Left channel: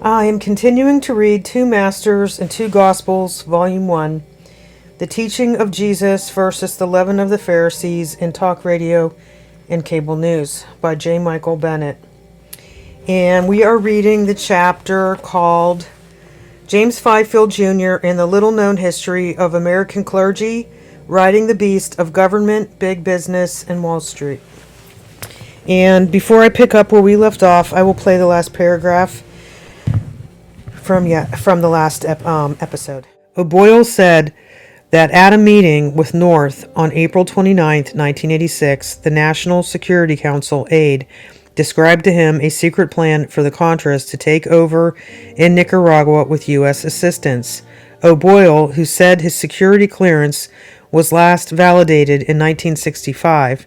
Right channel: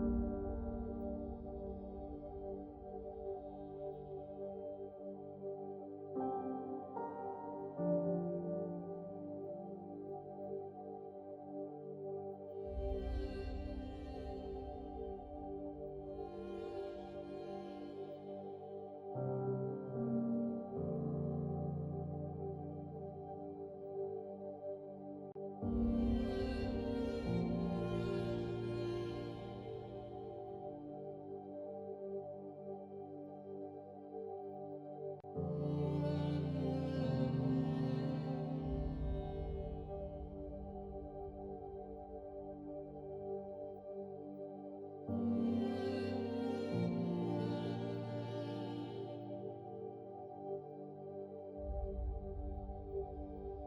I am continuing to read Two Masters and Two Gospels, Volume 1, The Teaching of Jesus versus the Leaven of the Pharisees in Talk Radio and Cable News by J. Michael Bennett. And we are reading the chapter called James Fifield Jr. and the Little-Known History of American Clergy, Riding the Beast of Government, Big Business, and Wall Street. And before I pick up where we left off, I will play the last paragraph from the last episode. O'Boyle said that at a meeting with North on April 29, 1986, the National Security Council aide described to him a secret plan for the Contras to take over in Nicaragua with U.S. assistance. O'Boyle, who said his security clearance was last validated in 1965,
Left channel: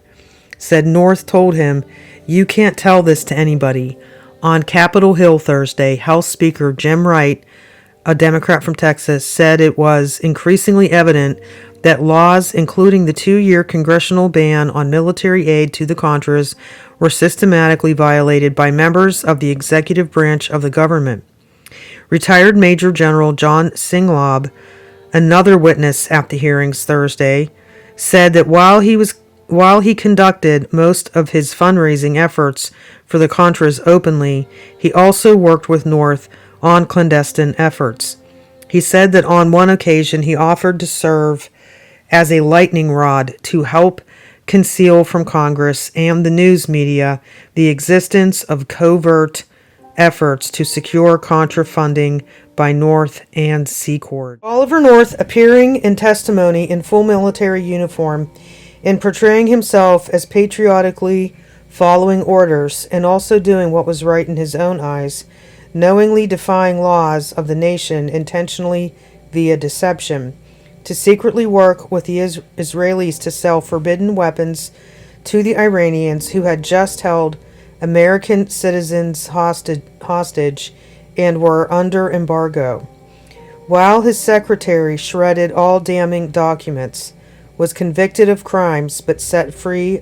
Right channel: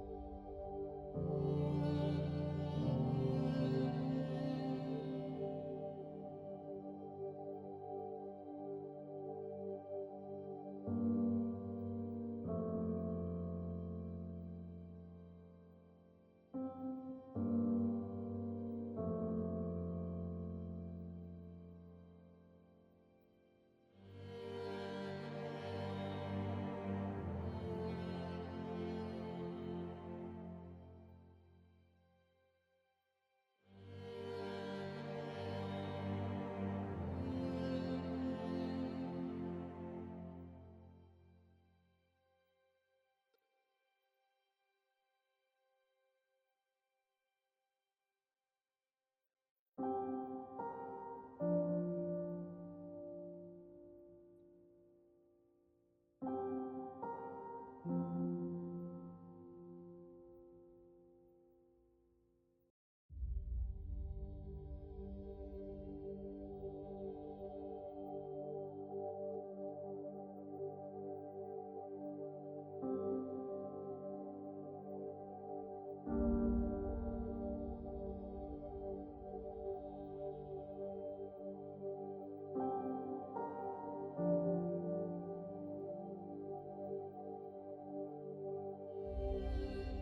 said North told him, "You can't tell this to anybody." On Capitol Hill Thursday, House Speaker Jim Wright, a Democrat from Texas, said it was increasingly evident that laws, including the 2-year congressional ban on military aid to the Contras, were systematically violated by members of the executive branch of the government. Retired Major General John Singlaub, another witness at the hearings Thursday, said that while he conducted most of his fundraising efforts for the Contras openly, he also worked with North on clandestine efforts. He said that on one occasion he offered to serve as a lightning rod to help conceal from Congress and the news media the existence of covert efforts to secure Contra funding by North and Secord. Oliver North, appearing in testimony in full military uniform and portraying himself as patriotically following orders and also doing what was right in his own eyes, knowingly defying laws of the nation intentionally via deception, to secretly work with the Israelis to sell forbidden weapons to the Iranians who had just held American citizens hostage and were under embargo. While his secretary shredded all damning documents, was convicted of crimes but set free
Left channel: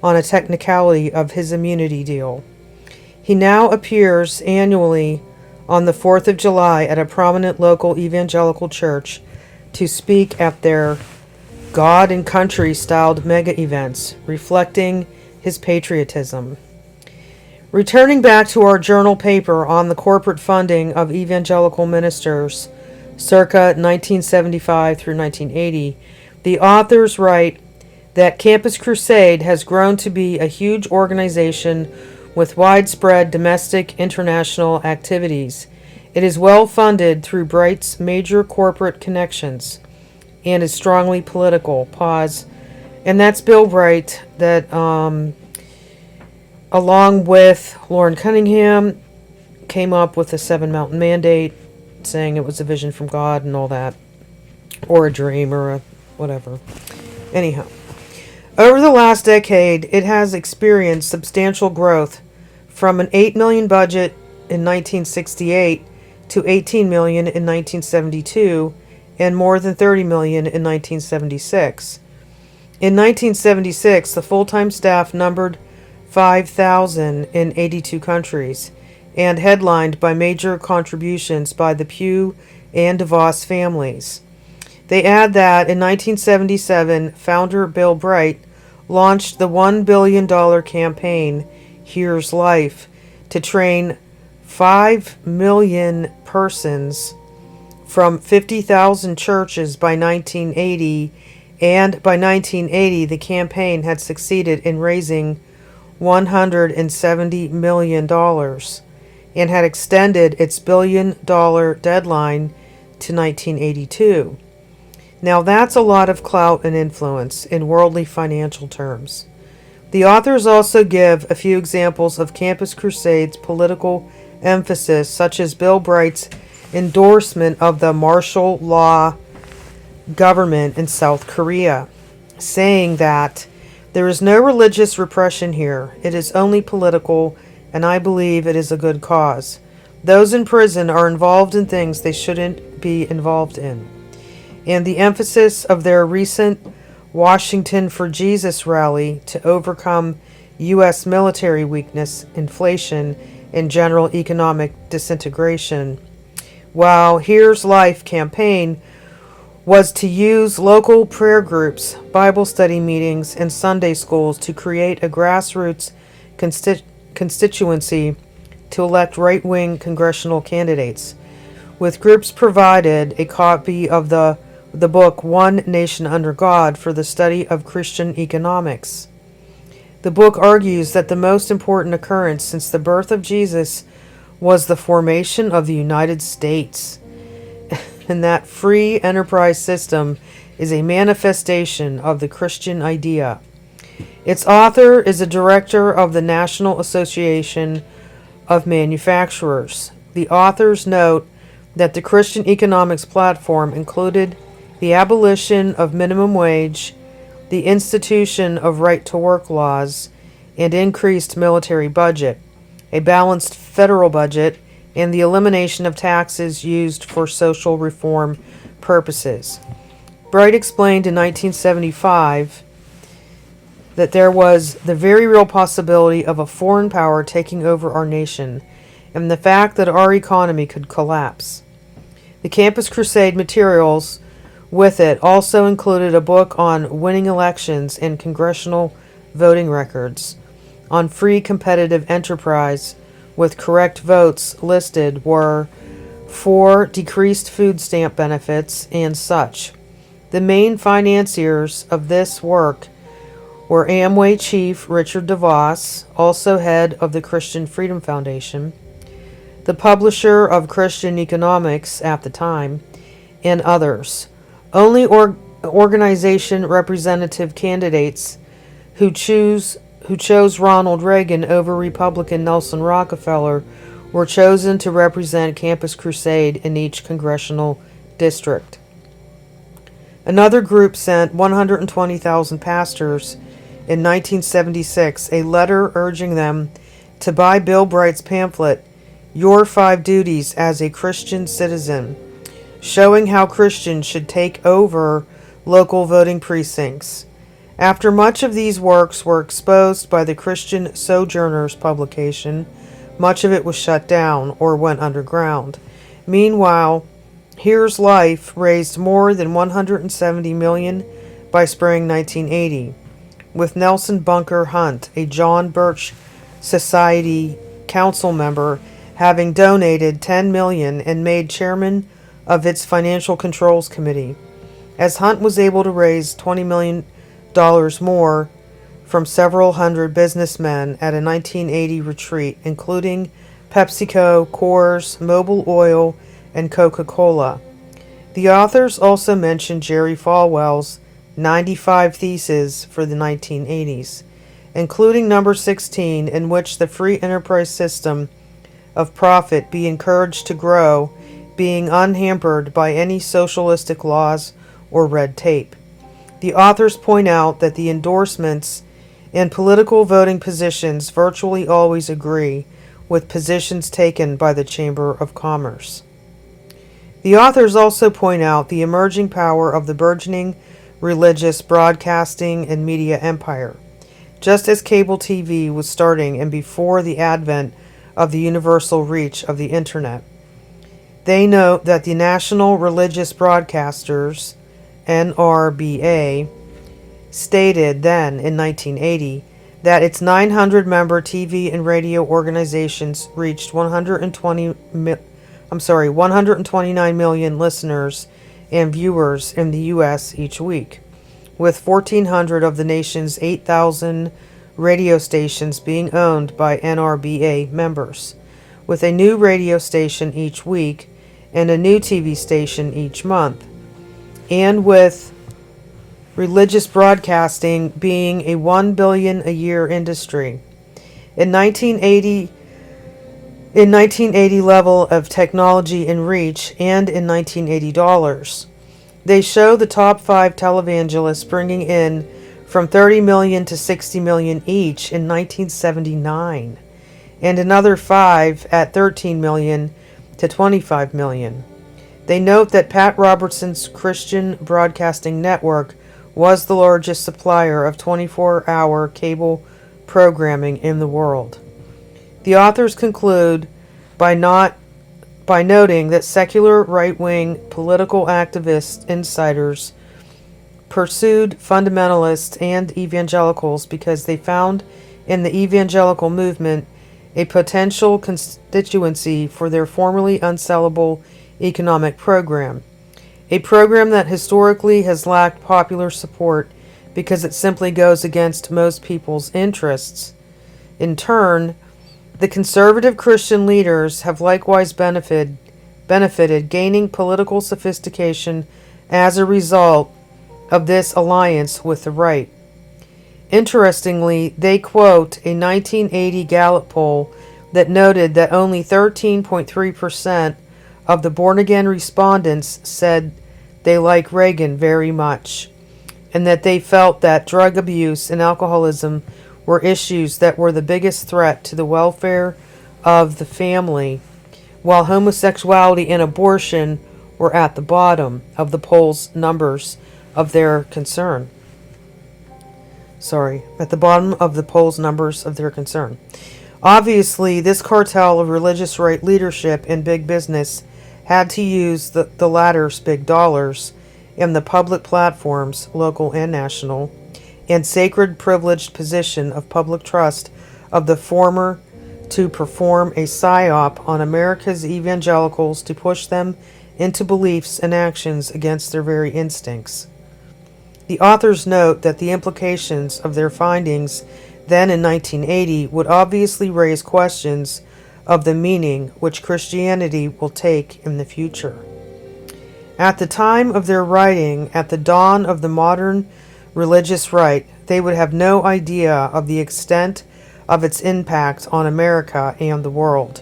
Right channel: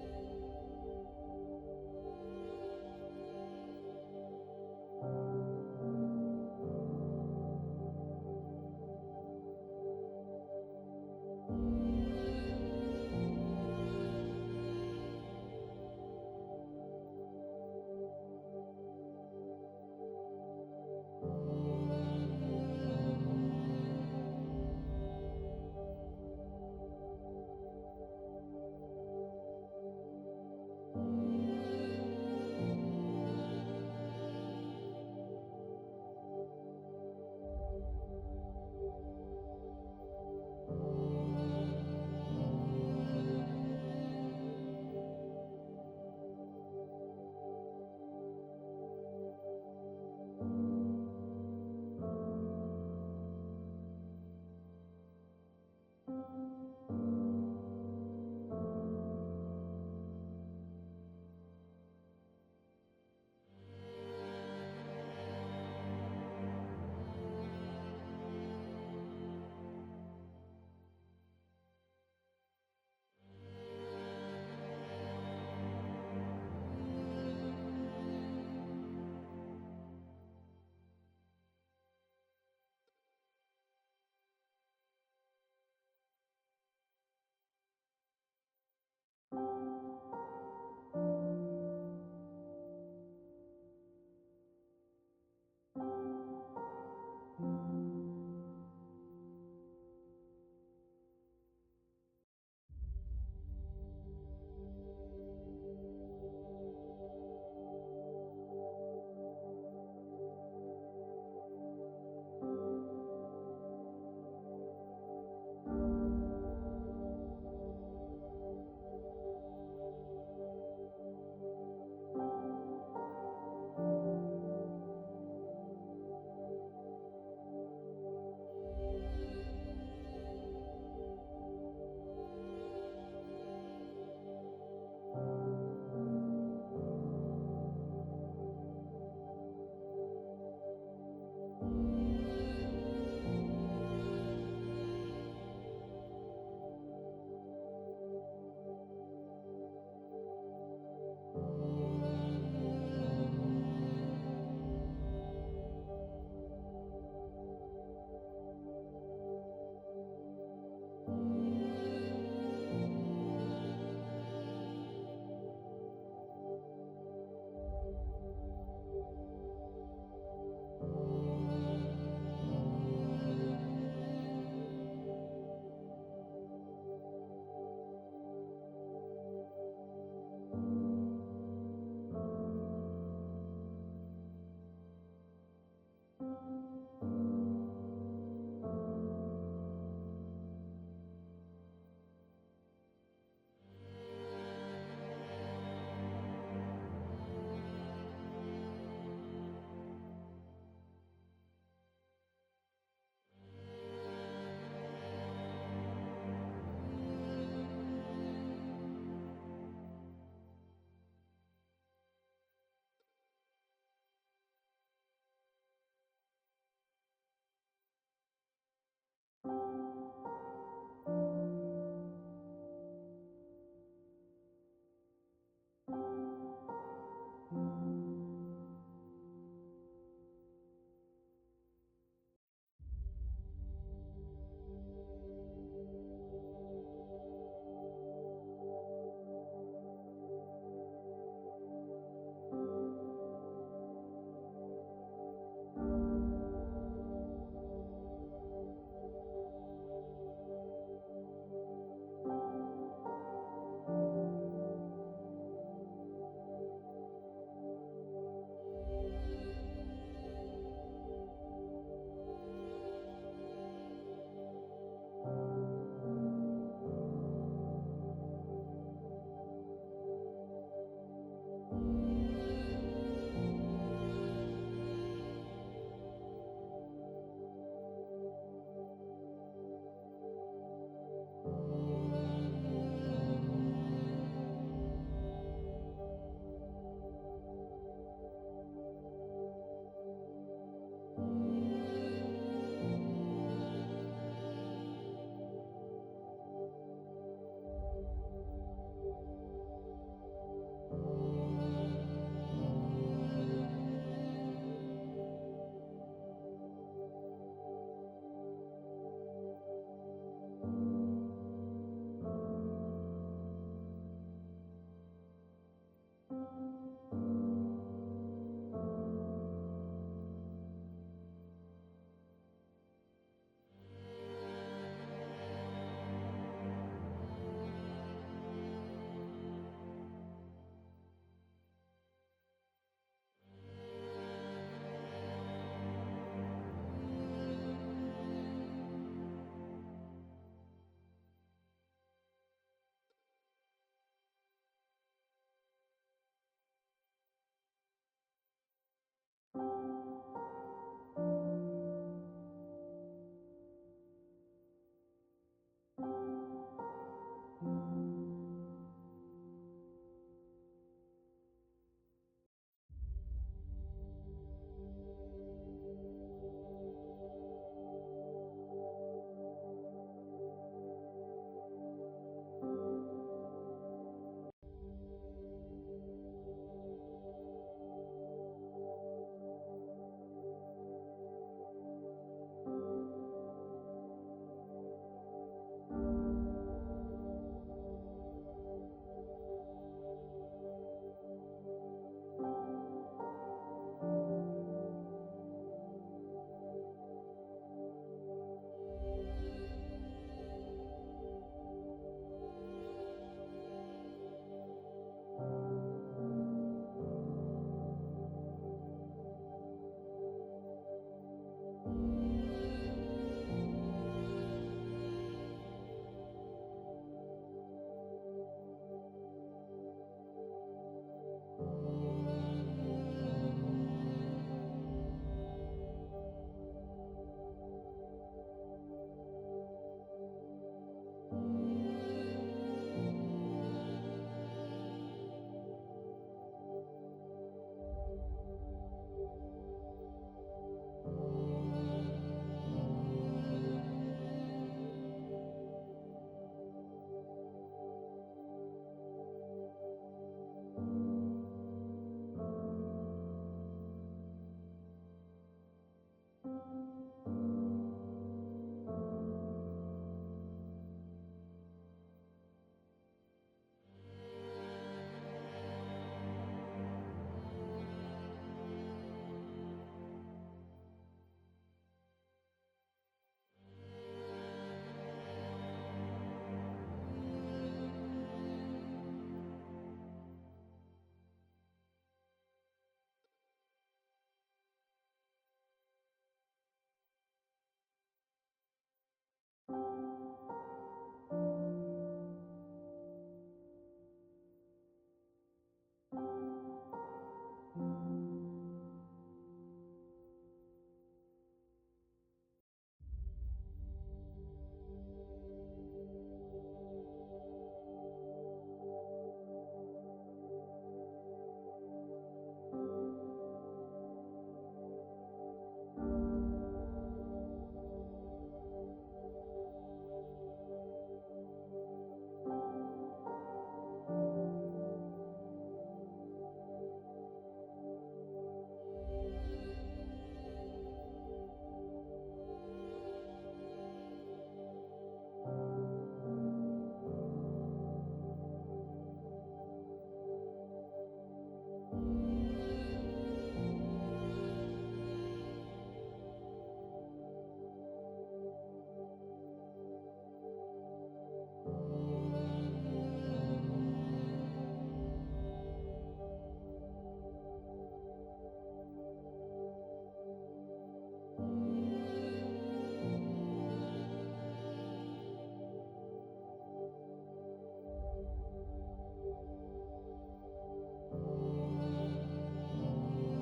on a technicality of his immunity deal. He now appears annually on the 4th of July at a prominent local evangelical church to speak at their God and Country styled mega events, reflecting his patriotism. Returning back to our journal paper on the corporate funding of evangelical ministers circa 1975 through 1980, the authors write that Campus Crusade has grown to be a huge organization with widespread domestic international activities. It is well funded through Bright's major corporate connections and is strongly political. Pause. And that's Bill Bright that, along with Lauren Cunningham, came up with the Seven Mountain Mandate, saying it was a vision from God and all that, or a dream or a whatever. Anyhow. Over the last decade, it has experienced substantial growth from an $8 million budget in 1968 to $18 million in 1972 and more than $30 million in 1976. In 1976, the full-time staff numbered 5,000 in 82 countries and headlined by major contributions by the Pew and DeVos families. They add that in 1977, founder Bill Bright launched the $1 billion campaign, Here's Life, to train 5 million persons from 50,000 churches by 1980, and by 1980 the campaign had succeeded in raising $170 million and had extended its billion-dollar deadline to 1982. Now that's a lot of clout and influence in worldly financial terms. The authors also give a few examples of Campus Crusade's political emphasis, such as Bill Bright's endorsement of the martial law government in South Korea, saying that there is no religious repression here. It is only political, and I believe it is a good cause. Those in prison are involved in things they shouldn't be involved in. And the emphasis of their recent Washington for Jesus rally to overcome U.S. military weakness, inflation, and general economic disintegration. While Here's Life campaign was to use local prayer groups, Bible study meetings, and Sunday schools to create a grassroots constituency to elect right-wing congressional candidates, with groups provided a copy of the book One Nation Under God for the study of Christian economics. The book argues that the most important occurrence since the birth of Jesus was the formation of the United States, and that free enterprise system is a manifestation of the Christian idea. Its author is a director of the National Association of Manufacturers. The authors note that the Christian economics platform included the abolition of minimum wage, the institution of right-to-work laws, and increased military budget, a balanced federal budget, and the elimination of taxes used for social reform purposes. Bright explained in 1975 that there was the very real possibility of a foreign power taking over our nation, and the fact that our economy could collapse. The Campus Crusade materials with it also included a book on winning elections and congressional voting records, on free competitive enterprise, with correct votes listed were for decreased food stamp benefits and such. The main financiers of this work were Amway chief Richard DeVos, also head of the Christian Freedom Foundation, the publisher of Christian Economics at the time, and others. Only organization representative candidates who chose Ronald Reagan over Republican Nelson Rockefeller were chosen to represent Campus Crusade in each congressional district. Another group sent 120,000 pastors in 1976 a letter urging them to buy Bill Bright's pamphlet, Your 5 Duties as a Christian Citizen, showing how Christians should take over local voting precincts. After much of these works were exposed by the Christian Sojourners publication, much of it was shut down or went underground. Meanwhile, Here's Life raised more than $170 million by spring 1980, with Nelson Bunker Hunt, a John Birch Society council member, having donated $10 million and made chairman of its Financial Controls Committee. As Hunt was able to raise $20 million more from several hundred businessmen at a 1980 retreat, including PepsiCo, Coors, Mobil Oil, and Coca-Cola. The authors also mentioned Jerry Falwell's 95 Theses for the 1980s, including number 16, in which the free enterprise system of profit be encouraged to grow, being unhampered by any socialistic laws or red tape. The authors point out that the endorsements in political voting positions virtually always agree with positions taken by the Chamber of Commerce. The authors also point out the emerging power of the burgeoning religious broadcasting and media empire, just as cable TV was starting and before the advent of the universal reach of the Internet. They note that the National Religious Broadcasters, NRBA, stated then in 1980 that its 900-member TV and radio organizations reached 129 million listeners and viewers in the U.S. each week, with 1,400 of the nation's 8,000 radio stations being owned by NRBA members, with a new radio station each week and a new TV station each month, and with religious broadcasting being a $1 billion a year industry. In 1980 level of technology and reach, and in 1980 dollars. They show the top 5 televangelists bringing in from 30 million to 60 million each in 1979, and another 5 at 13 million to 25 million. They note that Pat Robertson's Christian Broadcasting Network was the largest supplier of 24-hour cable programming in the world. The authors conclude by noting that secular right-wing political activist insiders pursued fundamentalists and evangelicals because they found in the evangelical movement a potential constituency for their formerly unsellable economic program, a program that historically has lacked popular support because it simply goes against most people's interests. In turn, the conservative Christian leaders have likewise benefited, gaining political sophistication as a result of this alliance with the right. Interestingly, they quote a 1980 Gallup poll that noted that only 13.3% of the born-again respondents said they like Reagan very much, and that they felt that drug abuse and alcoholism were issues that were the biggest threat to the welfare of the family, while homosexuality and abortion were at the bottom of the poll's numbers of their concern. At the bottom of the poll's numbers of their concern. Obviously, this cartel of religious right leadership and big business had to use the latter's big dollars in the public platforms, local and national, and sacred privileged position of public trust of the former to perform a psyop on America's evangelicals to push them into beliefs and actions against their very instincts. The authors note that the implications of their findings then in 1980 would obviously raise questions of the meaning which Christianity will take in the future. At the time of their writing, at the dawn of the modern religious right, they would have no idea of the extent of its impact on America and the world,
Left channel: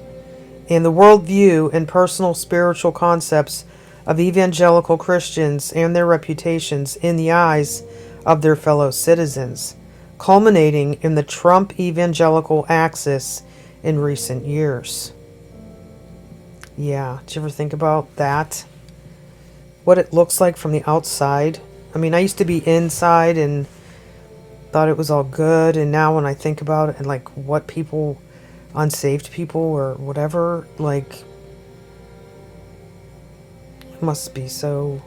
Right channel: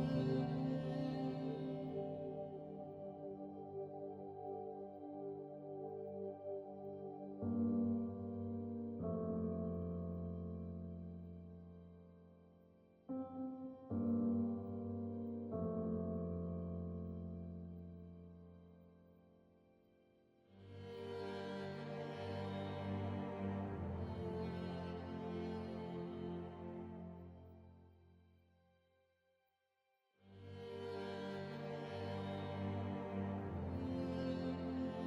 and the worldview and personal spiritual concepts of evangelical Christians and their reputations in the eyes of their fellow citizens, culminating in the Trump evangelical axis in recent years. Yeah, did you ever think about that? What it looks like from the outside? I mean, I used to be inside and thought it was all good, and now when I think about it and like what people, unsaved people or whatever, like, it must be so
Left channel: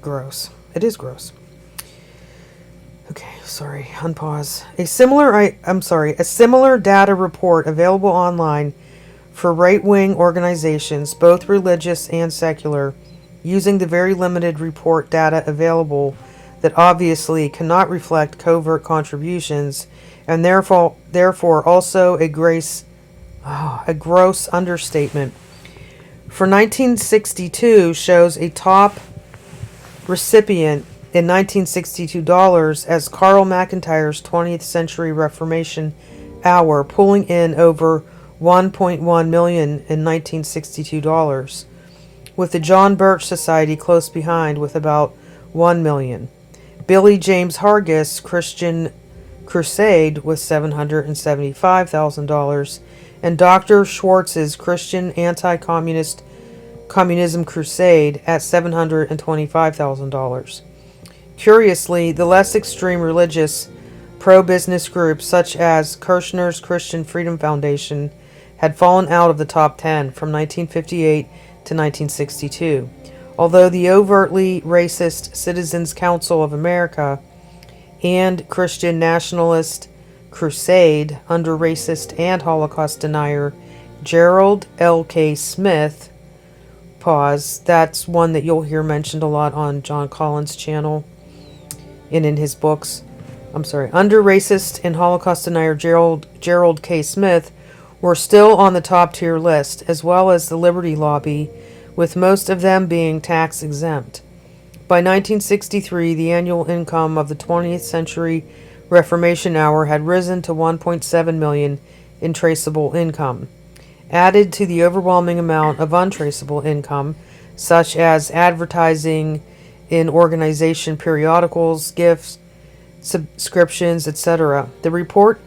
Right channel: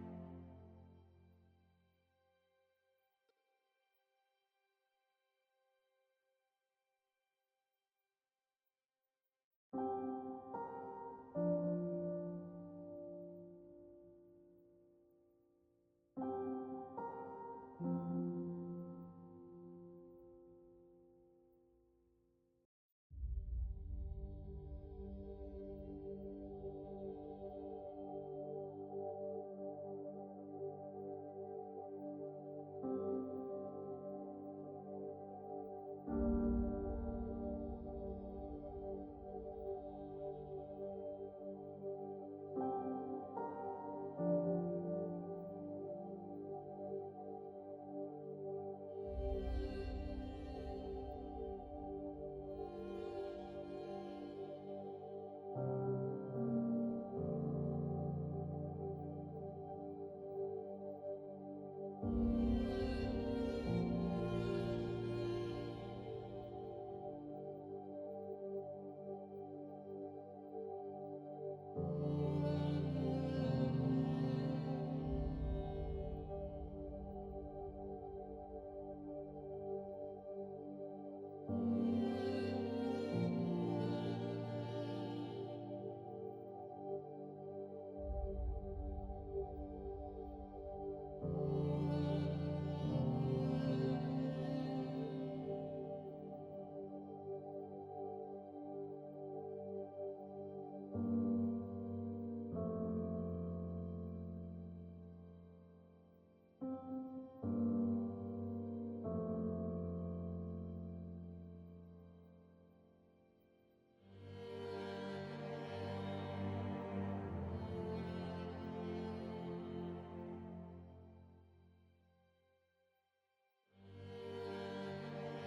gross. It is gross. Okay, sorry, unpause. A similar data report available online for right-wing organizations, both religious and secular, using the very limited report data available that obviously cannot reflect covert contributions, and therefore also a gross understatement. For 1962 shows a top recipient in 1962 dollars as Carl McIntyre's 20th Century Reformation Hour, pulling in over 1.1 million in 1962 dollars, with the John Birch Society close behind with about 1 million. Billy James Hargis' Christian Crusade with $775,000, and Dr. Schwartz's Christian Anti-Communism Crusade at $725,000. Curiously, the less extreme religious pro-business groups such as Kirshner's Christian Freedom Foundation had fallen out of the top 10 from 1958 to 1962, although the overtly racist Citizens Council of America and Christian Nationalist Crusade under racist and Holocaust denier Gerald L.K. Smith, that's one that you'll hear mentioned a lot on John Collins' channel and in his books. Under racist and Holocaust denier Gerald K. Smith were still on the top tier list, as well as the Liberty Lobby, with most of them being tax exempt. By 1963, the annual income of the 20th Century Reformation Hour had risen to 1.7 million in traceable income. Added to the overwhelming amount of untraceable income, such as advertising in organization periodicals, gifts, subscriptions, etc. The report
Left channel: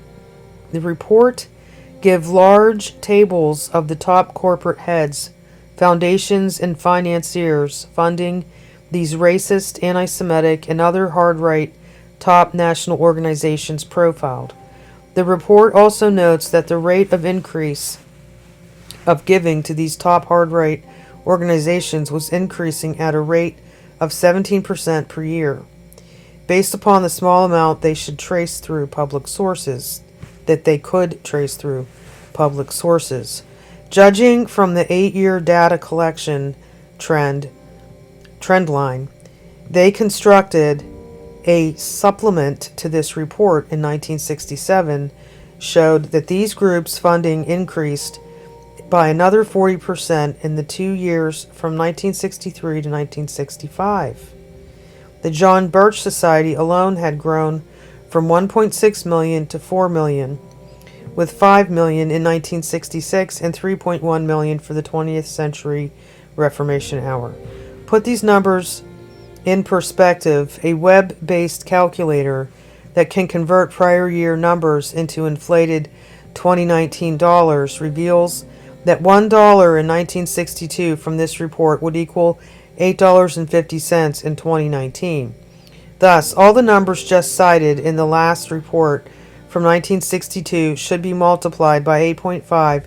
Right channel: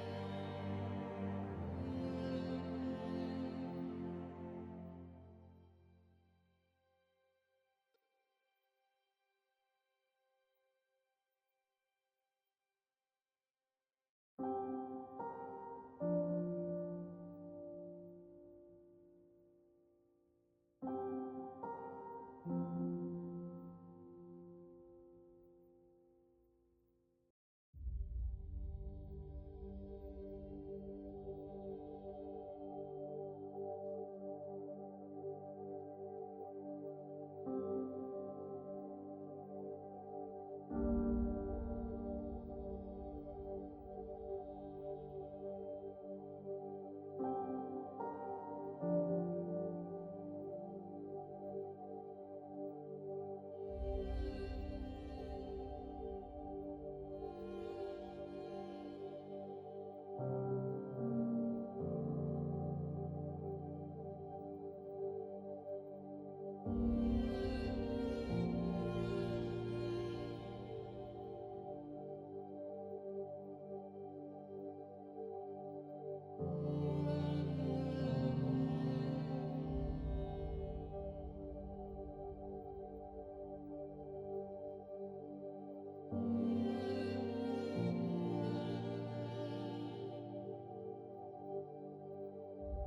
give large tables of the top corporate heads, foundations, and financiers funding these racist, anti-Semitic, and other hard-right top national organizations profiled. The report also notes that the rate of increase of giving to these top hard-right organizations was increasing at a rate of 17% per year, based upon the small amount they should trace through public sources, that they could trace through public sources. Judging from the 8-year data collection trend line, they constructed a supplement to this report in 1967 showed that these groups' funding increased by another 40% in the 2 years from 1963 to 1965. The John Birch Society alone had grown from 1.6 million to 4 million, with 5 million in 1966 and 3.1 million for the 20th Century Reformation Hour. Put these numbers in perspective. A web-based calculator that can convert prior year numbers into inflated 2019 dollars reveals that $1 in 1962 from this report would equal $8.50 in 2019. Thus, all the numbers just cited in the last report from 1962 should be multiplied by 8.5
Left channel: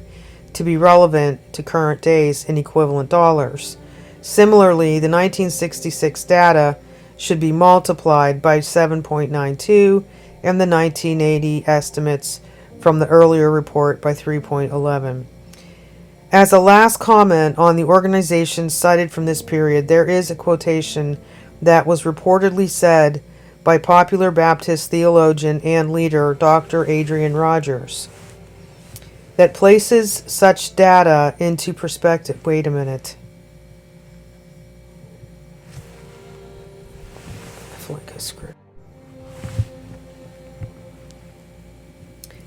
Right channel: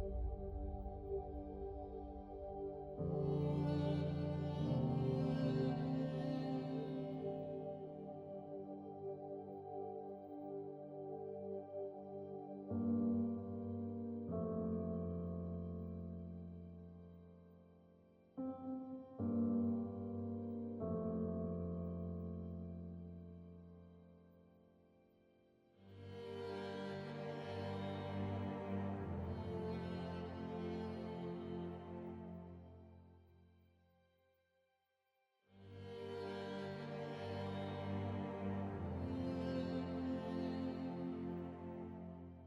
to be relevant to current days in equivalent dollars. Similarly, the 1966 data should be multiplied by 7.92 and the 1980 estimates from the earlier report by 3.11. As a last comment on the organizations cited from this period, there is a quotation that was reportedly said by popular Baptist theologian and leader Dr. Adrian Rogers that places such data into perspective. Wait a minute. I feel like I screwed.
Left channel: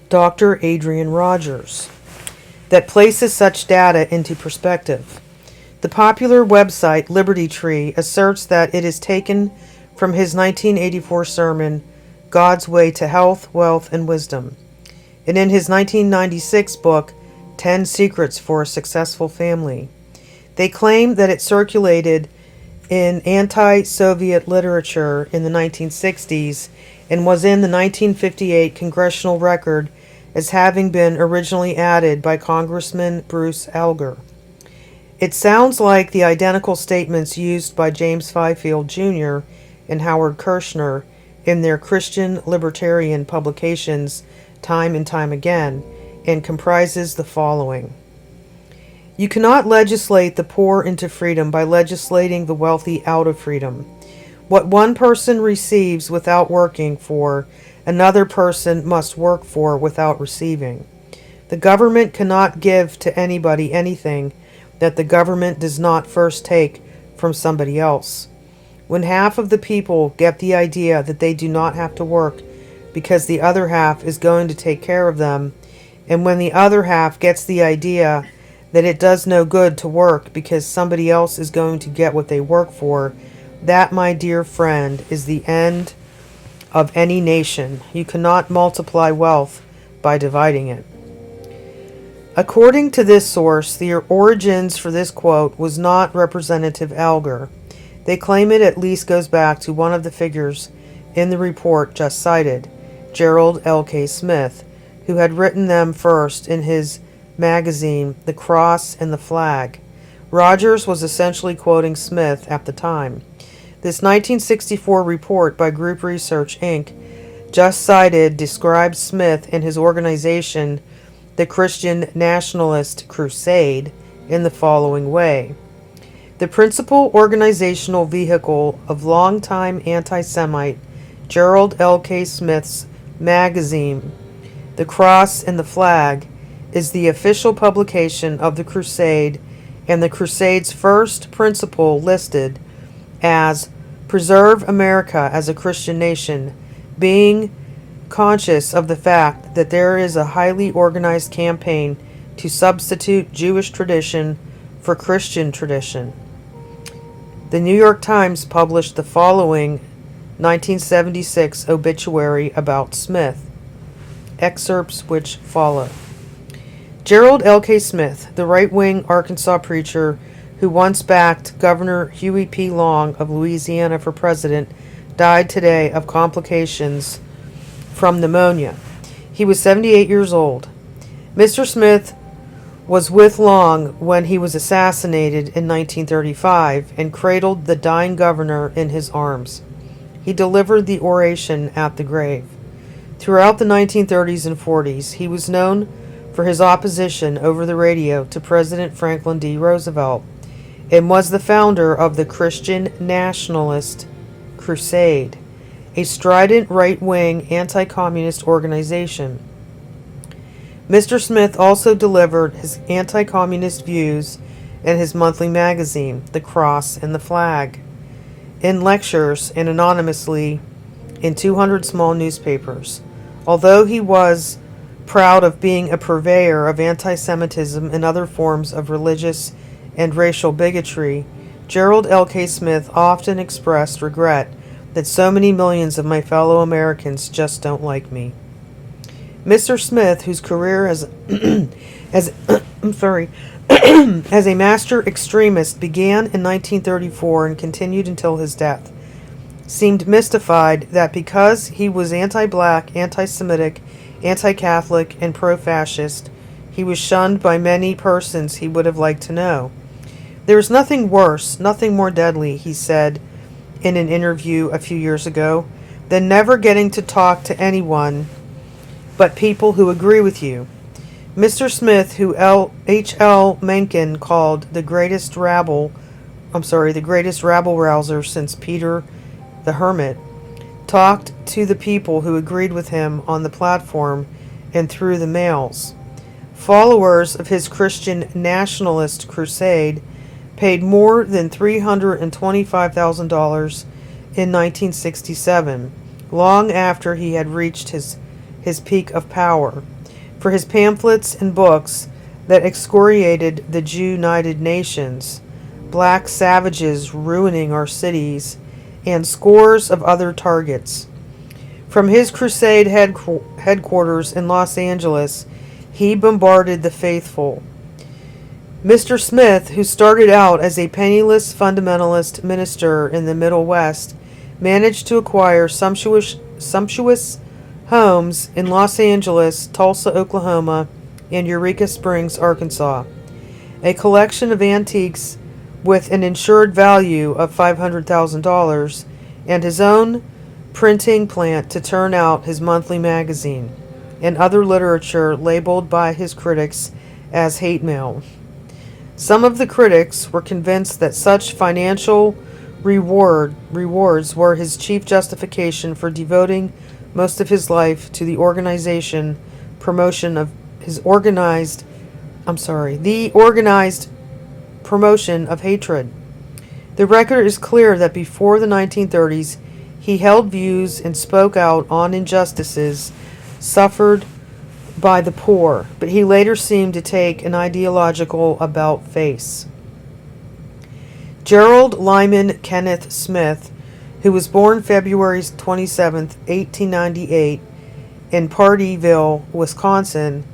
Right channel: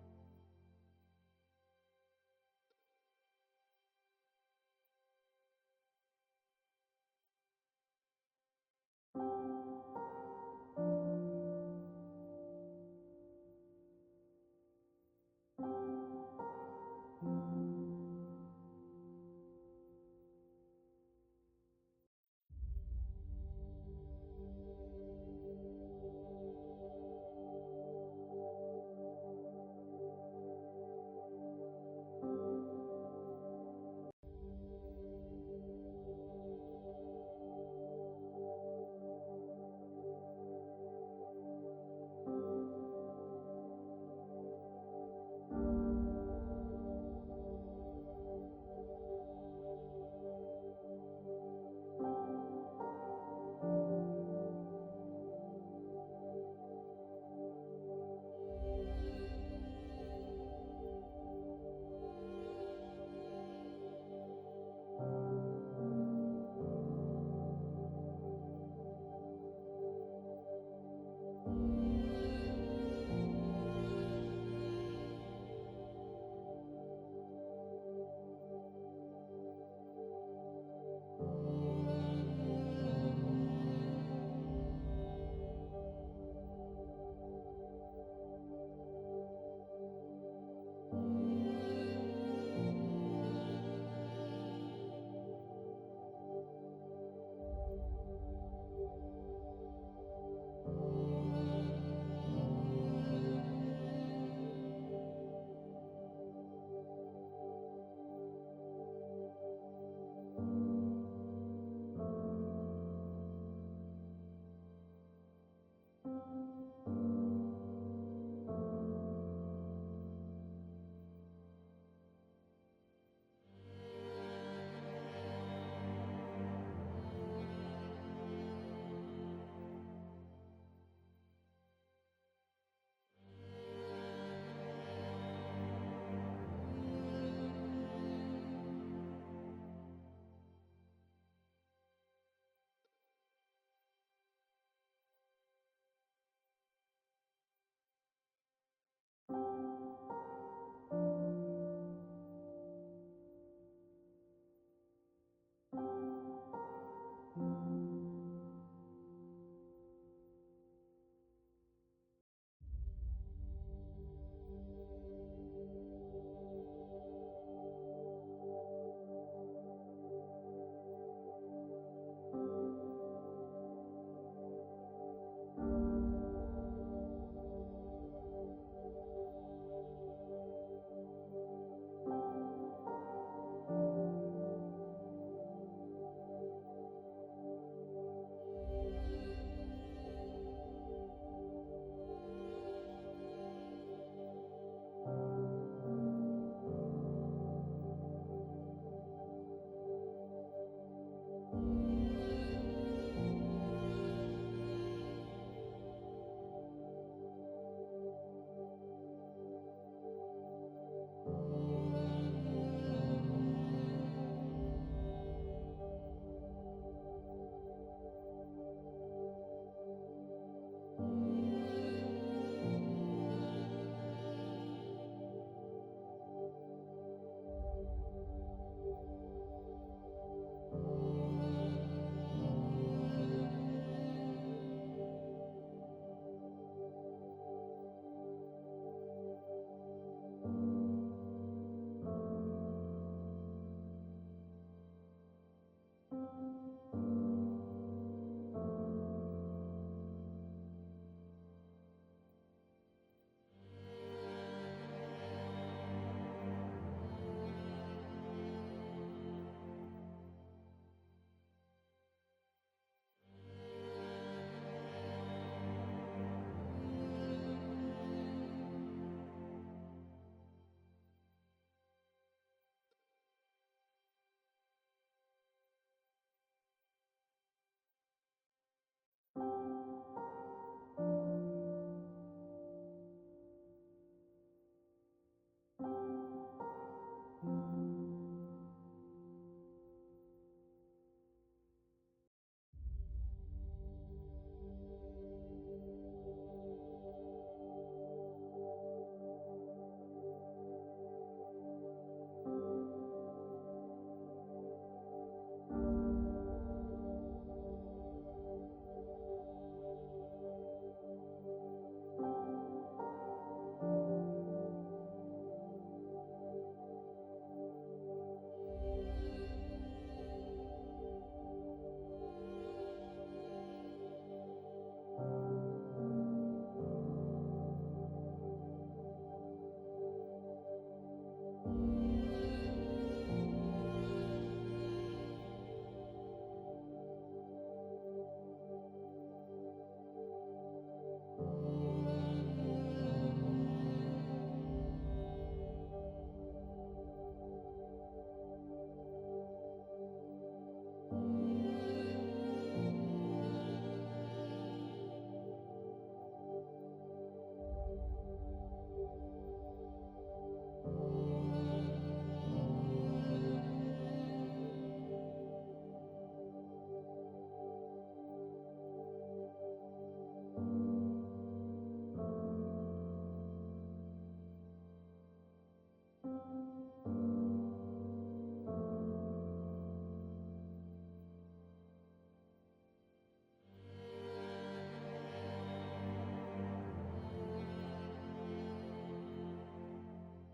Dr. Adrian Rogers that places such data into perspective. The popular website Liberty Tree asserts that it is taken from his 1984 sermon, God's Way to Health, Wealth, and Wisdom, and in his 1996 book, 10 Secrets for a Successful Family. They claim that it circulated in anti-Soviet literature in the 1960s and was in the 1958 Congressional Record as having been originally added by Congressman Bruce Alger. It sounds like the identical statements used by James Fifield Jr. and Howard Kirshner in their Christian libertarian publications time and time again, and comprises the following. You cannot legislate the poor into freedom by legislating the wealthy out of freedom. What one person receives without working for, another person must work for without receiving. The government cannot give to anybody anything that the government does not first take from somebody else. When half of the people get the idea that they do not have to work because the other half is going to take care of them, and when the other half gets the idea that it does no good to work because somebody else is going to get what they work for, that, my dear friend, is the end of any nation. You cannot multiply wealth by dividing it. According to this source, the origins for this quote was not Representative Alger. They claim it at least goes back to one of the figures in the report just cited, Gerald L.K. Smith, who had written them first in his magazine, The Cross and the Flag. Rogers was essentially quoting Smith at the time. This 1964 report by Group Research, Inc., just cited, describes Smith and his organization, the Christian Nationalist Crusade, in the following way. The principal organizational vehicle of longtime anti-Semite Gerald L.K. Smith's magazine, The Cross and the Flag, is the official publication of the Crusade, and the Crusade's first principle listed as preserve America as a Christian nation, being conscious of the fact that there is a highly organized campaign to substitute Jewish tradition for Christian tradition. The New York Times published the following 1976 obituary about Smith, excerpts which follow. Gerald L.K. Smith, the right-wing Arkansas preacher who once backed Governor Huey P. Long of Louisiana for president, died today of complications from pneumonia. He was 78 years old. Mr. Smith was with Long when he was assassinated in 1935 and cradled the dying governor in his arms. He delivered the oration at the grave. Throughout the 1930s and 40s, he was known for his opposition over the radio to President Franklin D. Roosevelt and was the founder of the Christian Nationalist Crusade, a strident right-wing anti-communist organization. Mr. Smith also delivered his anti-communist views in his monthly magazine, The Cross and the Flag, in lectures and anonymously in 200 small newspapers. Although he was proud of being a purveyor of anti-Semitism and other forms of religious and racial bigotry, Gerald L.K. Smith often expressed regret that so many millions of my fellow Americans just don't like me. Mr. Smith, whose career as as a master extremist began in 1934 and continued until his death, seemed mystified that because he was anti-black, anti-Semitic, anti-Catholic, and pro-fascist, he was shunned by many persons he would have liked to know. There is nothing worse, nothing more deadly, he said in an interview a few years ago, than never getting to talk to anyone but people who agree with you. Mr. Smith, who H.L. Mencken called the greatest rabble-rouser since Peter the Hermit, talked to the people who agreed with him on the platform and through the mails. Followers of his Christian nationalist crusade paid more than $325,000 in 1967, long after he had reached his peak of power, for his pamphlets and books that excoriated the Jew-United Nations, black savages ruining our cities, and scores of other targets. From his crusade headquarters in Los Angeles, he bombarded the faithful. Mr. Smith, who started out as a penniless fundamentalist minister in the Middle West, managed to acquire sumptuous homes in Los Angeles, Tulsa, Oklahoma, and Eureka Springs, Arkansas, a collection of antiques with an insured value of $500,000, and his own printing plant to turn out his monthly magazine, and other literature labeled by his critics as hate mail. Some of the critics were convinced that such financial rewards were his chief justification for devoting most of his life to the organized promotion of hatred. The record is clear that before the 1930s, he held views and spoke out on injustices suffered by the poor, but he later seemed to take an ideological about-face. Gerald Lyman Kenneth Smith, who was born February 27, 1898, in Pardeeville, Wisconsin,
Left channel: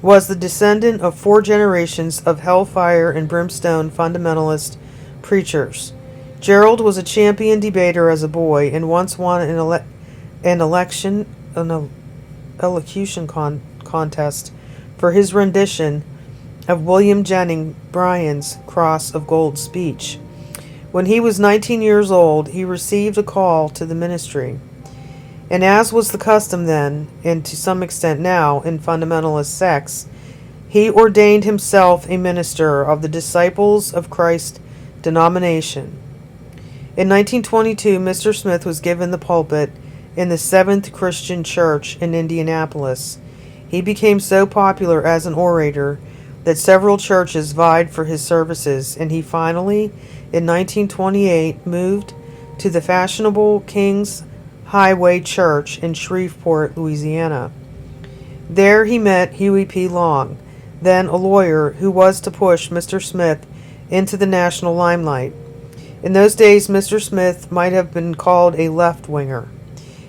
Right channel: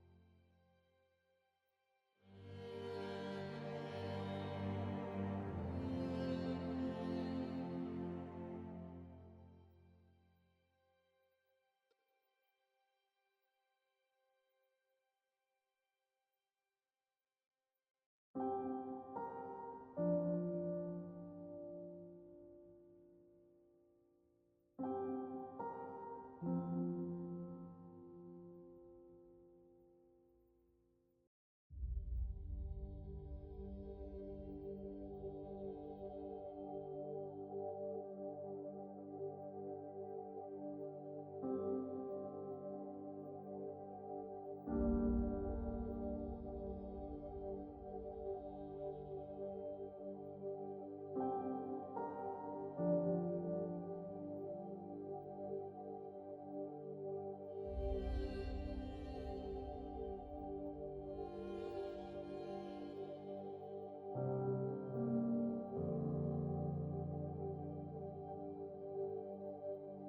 was the descendant of 4 generations of hellfire and brimstone fundamentalist preachers. Gerald was a champion debater as a boy and once won an elocution contest for his rendition of William Jennings Bryan's Cross of Gold speech. When he was 19 years old, he received a call to the ministry. And as was the custom then, and to some extent now, in fundamentalist sects, he ordained himself a minister of the Disciples of Christ denomination. In 1922, Mr. Smith was given the pulpit in the Seventh Christian Church in Indianapolis. He became so popular as an orator that several churches vied for his services, and he finally, in 1928, moved to the fashionable King's Highway Church in Shreveport, Louisiana. There he met Huey P. Long, then a lawyer who was to push Mr. Smith into the national limelight. In those days, Mr. Smith might have been called a left-winger.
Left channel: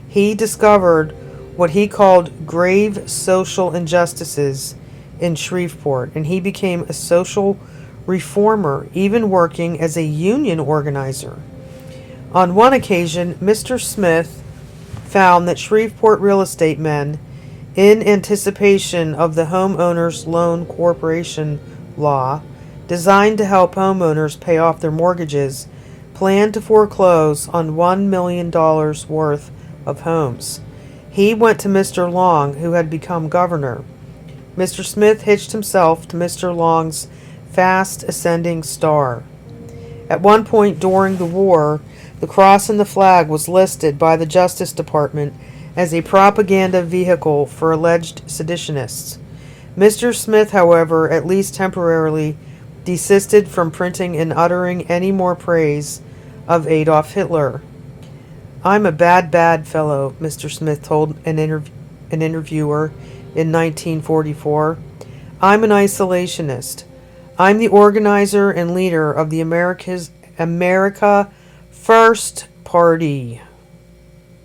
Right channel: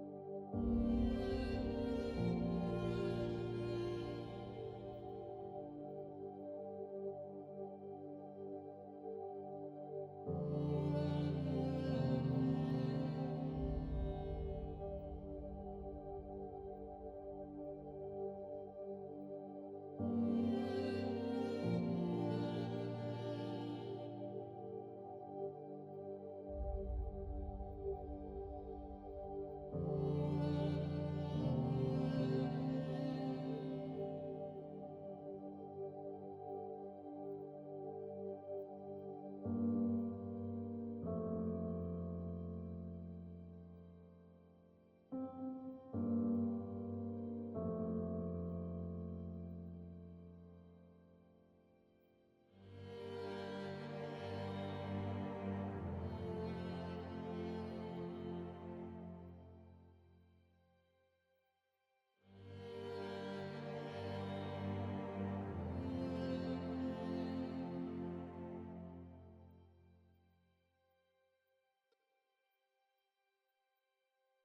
He discovered what he called grave social injustices in Shreveport, and he became a social reformer, even working as a union organizer. On one occasion, Mr. Smith found that Shreveport real estate men, in anticipation of the Homeowners Loan Corporation law, designed to help homeowners pay off their mortgages, planned to foreclose on $1 million worth of homes. He went to Mr. Long, who had become governor. Mr. Smith hitched himself to Mr. Long's fast ascending star. At one point during the war, the cross and the flag was listed by the Justice Department as a propaganda vehicle for alleged seditionists. Mr. Smith, however, at least temporarily, desisted from printing and uttering any more praise of Adolf Hitler. "I'm a bad fellow," Mr. Smith told an interviewer in 1944. "I'm an isolationist. I'm the organizer and leader of the America First Party.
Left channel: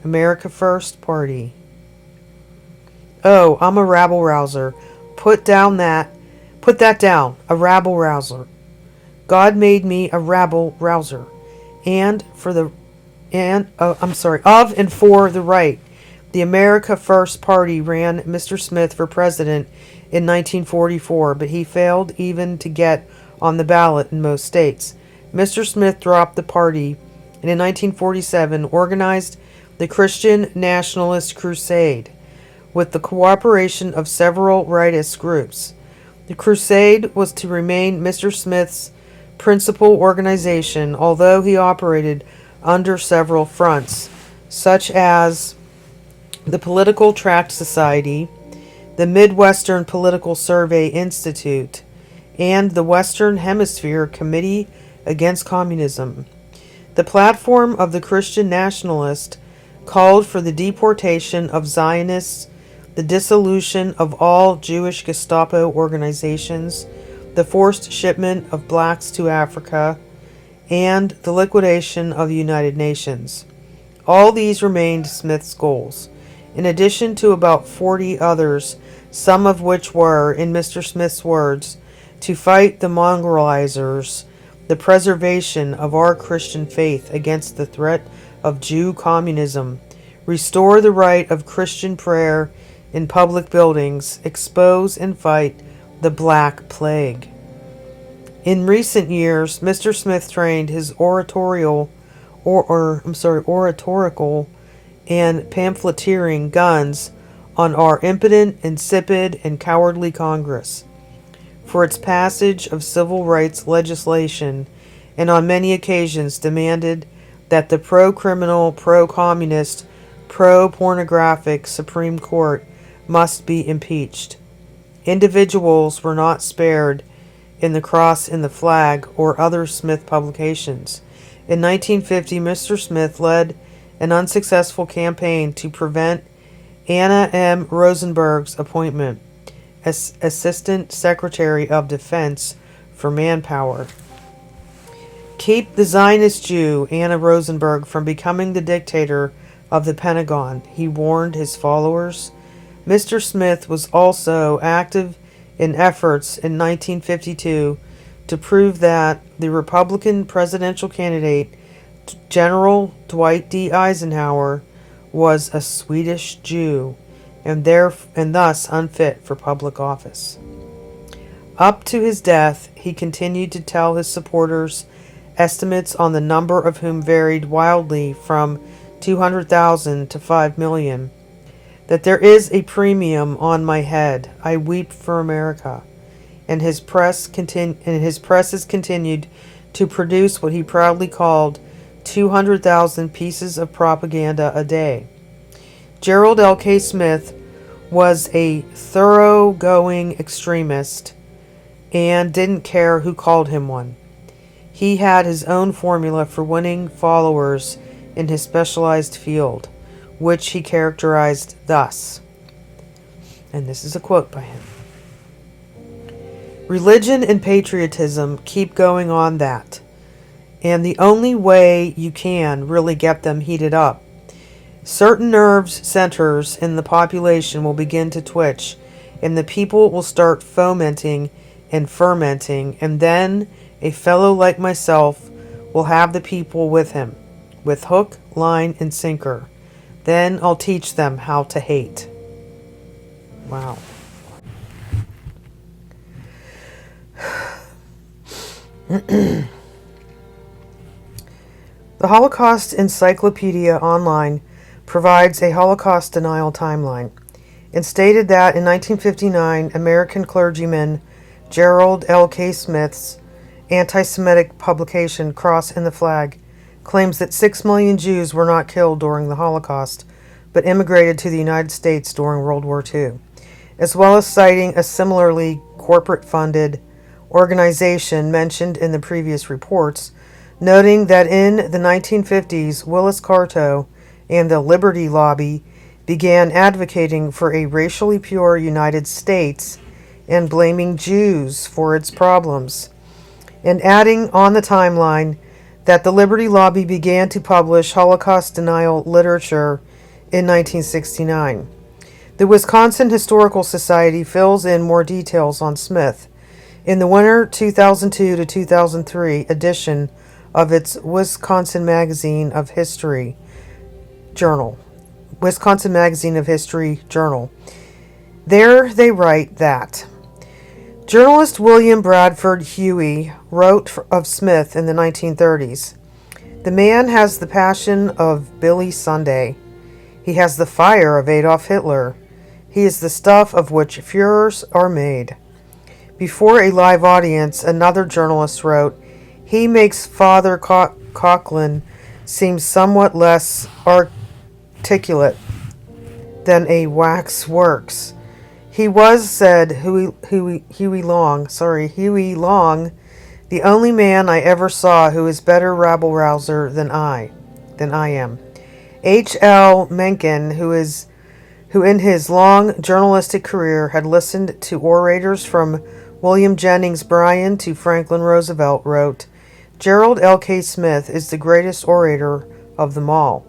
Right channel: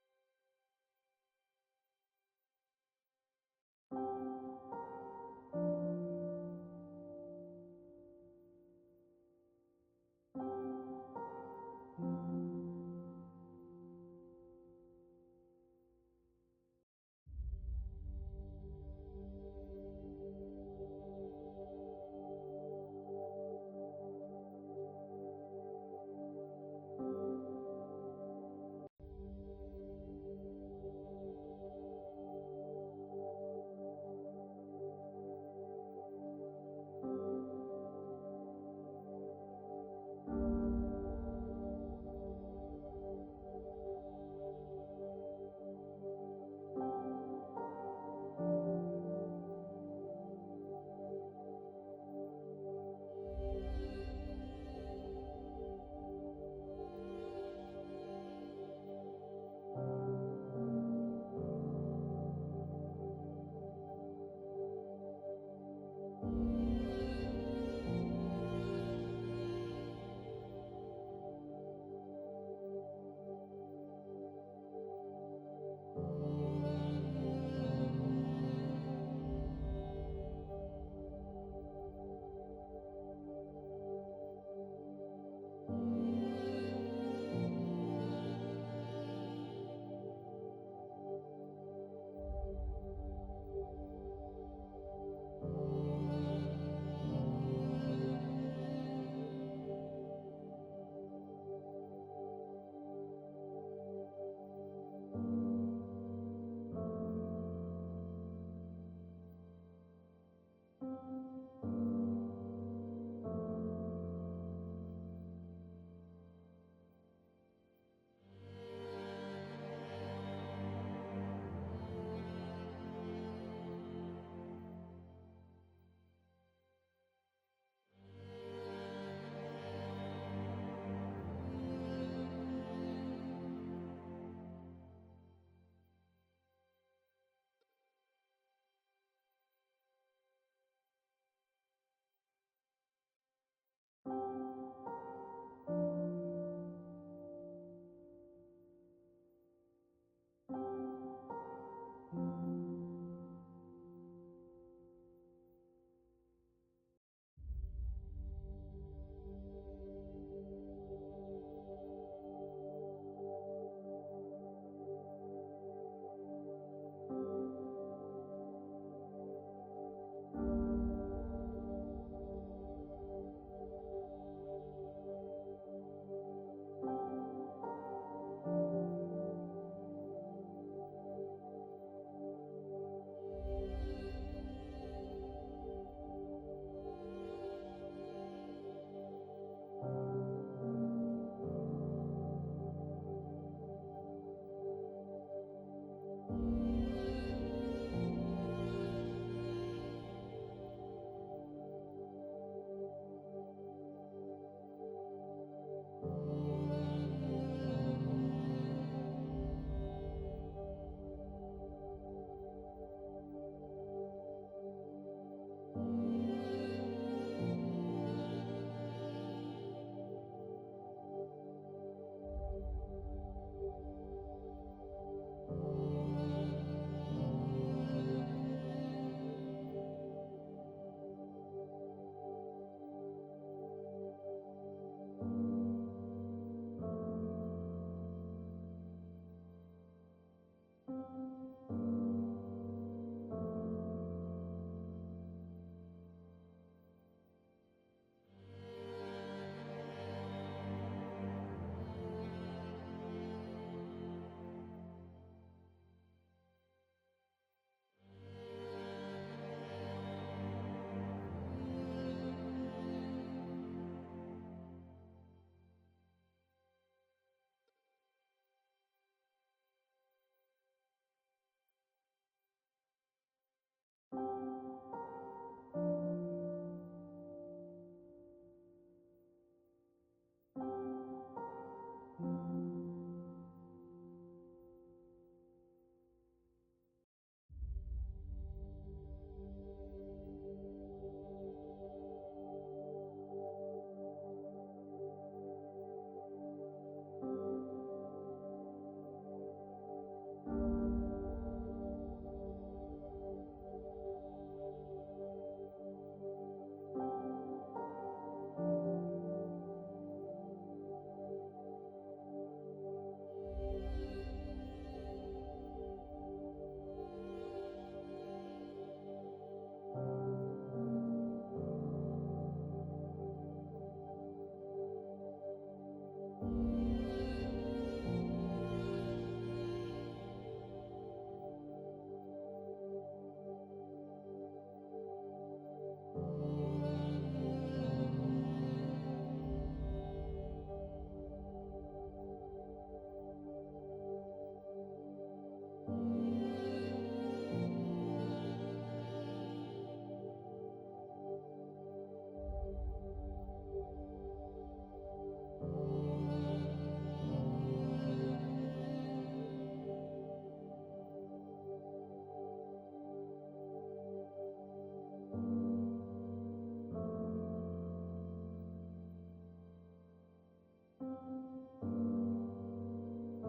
America First Party. Oh, I'm a rabble-rouser. Put that down, a rabble-rouser. God made me a rabble-rouser. Of and for the right. The America First Party ran Mr. Smith for president in 1944, but he failed even to get on the ballot in most states. Mr. Smith dropped the party and in 1947 organized the Christian Nationalist Crusade with the cooperation of several rightist groups. The crusade was to remain Mr. Smith's principal organization, although he operated under several fronts, such as the Political Tract Society, the Midwestern Political Survey Institute, and the Western Hemisphere Committee Against Communism. The platform of the Christian Nationalist called for the deportation of Zionists, the dissolution of all Jewish Gestapo organizations, the forced shipment of blacks to Africa, and the liquidation of the United Nations. All these remained Smith's goals, in addition to about 40 others, some of which were, in Mr. Smith's words, to fight the mongrelizers, the preservation of our Christian faith against the threat of Jew communism, restore the right of Christian prayer in public buildings, expose and fight the Black Plague. In recent years, Mr. Smith trained his oratorical and pamphleteering guns on our impotent, insipid, and cowardly Congress for its passage of civil rights legislation, and on many occasions demanded that the pro-criminal, pro-communist, pro-pornographic Supreme Court must be impeached. Individuals were not spared in The Cross and the Flag or other Smith publications. In 1950, Mr. Smith led an unsuccessful campaign to prevent Anna M. Rosenberg's appointment as Assistant Secretary of Defense for Manpower. Keep the Zionist Jew, Anna Rosenberg, from becoming the dictator of the Pentagon, he warned his followers. Mr. Smith was also active in efforts in 1952 to prove that the Republican presidential candidate, General Dwight D. Eisenhower, was a Swedish Jew and thus unfit for public office. Up to his death, he continued to tell his supporters, estimates on the number of whom varied wildly from 200,000 to 5 million, that there is a premium on my head. I weep for America. And his press has continued to produce what he proudly called 200,000 pieces of propaganda a day. Gerald L.K. Smith was a thoroughgoing extremist and didn't care who called him one. He had his own formula for winning followers in his specialized field, which he characterized thus, and this is a quote by him: "Religion and patriotism keep going on that. and the only way you can really get them heated up. Certain nerves centers in the population will begin to twitch, and the people will start fomenting and fermenting, and then a fellow like myself will have the people with him, with hook, line, and sinker. Then I'll teach them how to hate. Wow. The Holocaust Encyclopedia Online provides a Holocaust denial timeline and stated that in 1959, American clergyman Gerald L.K. Smith's anti-Semitic publication Cross and the Flag claims that 6 million Jews were not killed during the Holocaust, but immigrated to the United States during World War II, as well as citing a similarly corporate-funded organization mentioned in the previous reports, noting that in the 1950s, Willis Carto and the Liberty Lobby began advocating for a racially pure United States and blaming Jews for its problems, and adding on the timeline that the Liberty Lobby began to publish Holocaust denial literature in 1969. The Wisconsin Historical Society fills in more details on Smith in the winter 2002 to 2003 edition of its Wisconsin Magazine of History Journal. Wisconsin Magazine of History Journal. There they write that journalist William Bradford Huey wrote of Smith in the 1930s. The man has the passion of Billy Sunday. He has the fire of Adolf Hitler. He is the stuff of which Führers are made. Before a live audience, another journalist wrote, he makes Father Coughlin seem somewhat less articulate than a wax works. He was, said Huey Long, the only man I ever saw who is better rabble-rouser than I am. H.L. Mencken, who in his long journalistic career had listened to orators from William Jennings Bryan to Franklin Roosevelt, wrote, Gerald L.K. Smith is the greatest orator of them all.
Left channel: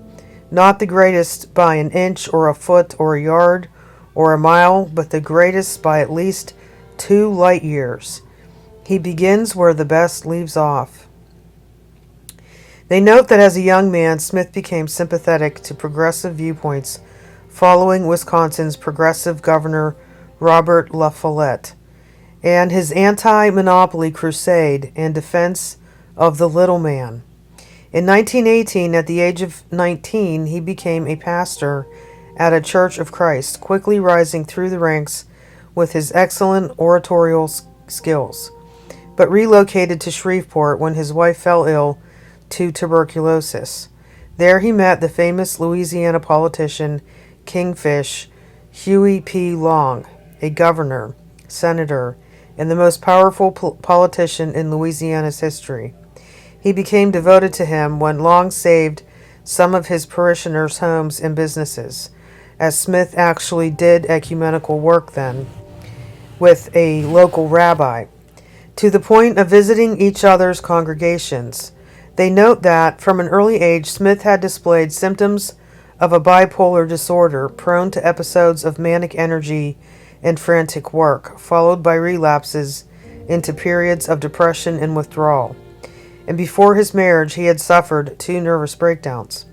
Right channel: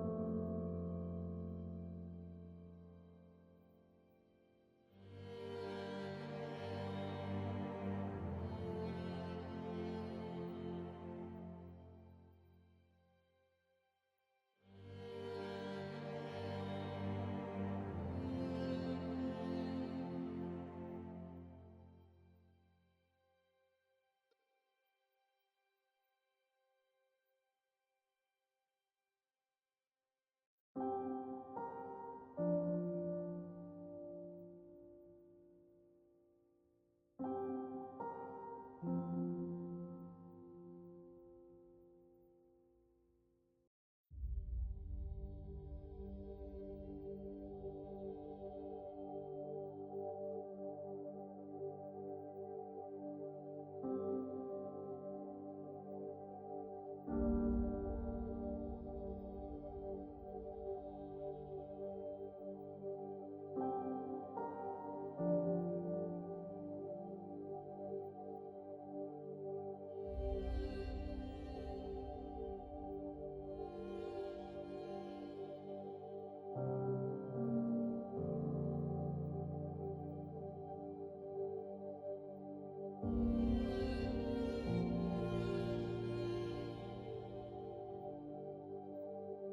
Not the greatest by an inch or a foot or a yard or a mile, but the greatest by at least 2 light years. He begins where the best leaves off. They note that as a young man, Smith became sympathetic to progressive viewpoints following Wisconsin's progressive governor Robert La Follette and his anti-monopoly crusade and defense of the little man. In 1918, at the age of 19, he became a pastor at a Church of Christ, quickly rising through the ranks with his excellent oratorial skills, but relocated to Shreveport when his wife fell ill to tuberculosis. There he met the famous Louisiana politician Kingfish Huey P. Long, a governor, senator, and the most powerful politician in Louisiana's history. He became devoted to him when Long saved some of his parishioners' homes and businesses, as Smith actually did ecumenical work then with a local rabbi, to the point of visiting each other's congregations. They note that, from an early age, Smith had displayed symptoms of a bipolar disorder, prone to episodes of manic energy and frantic work, followed by relapses into periods of depression and withdrawal. And before his marriage, he had suffered 2 nervous breakdowns.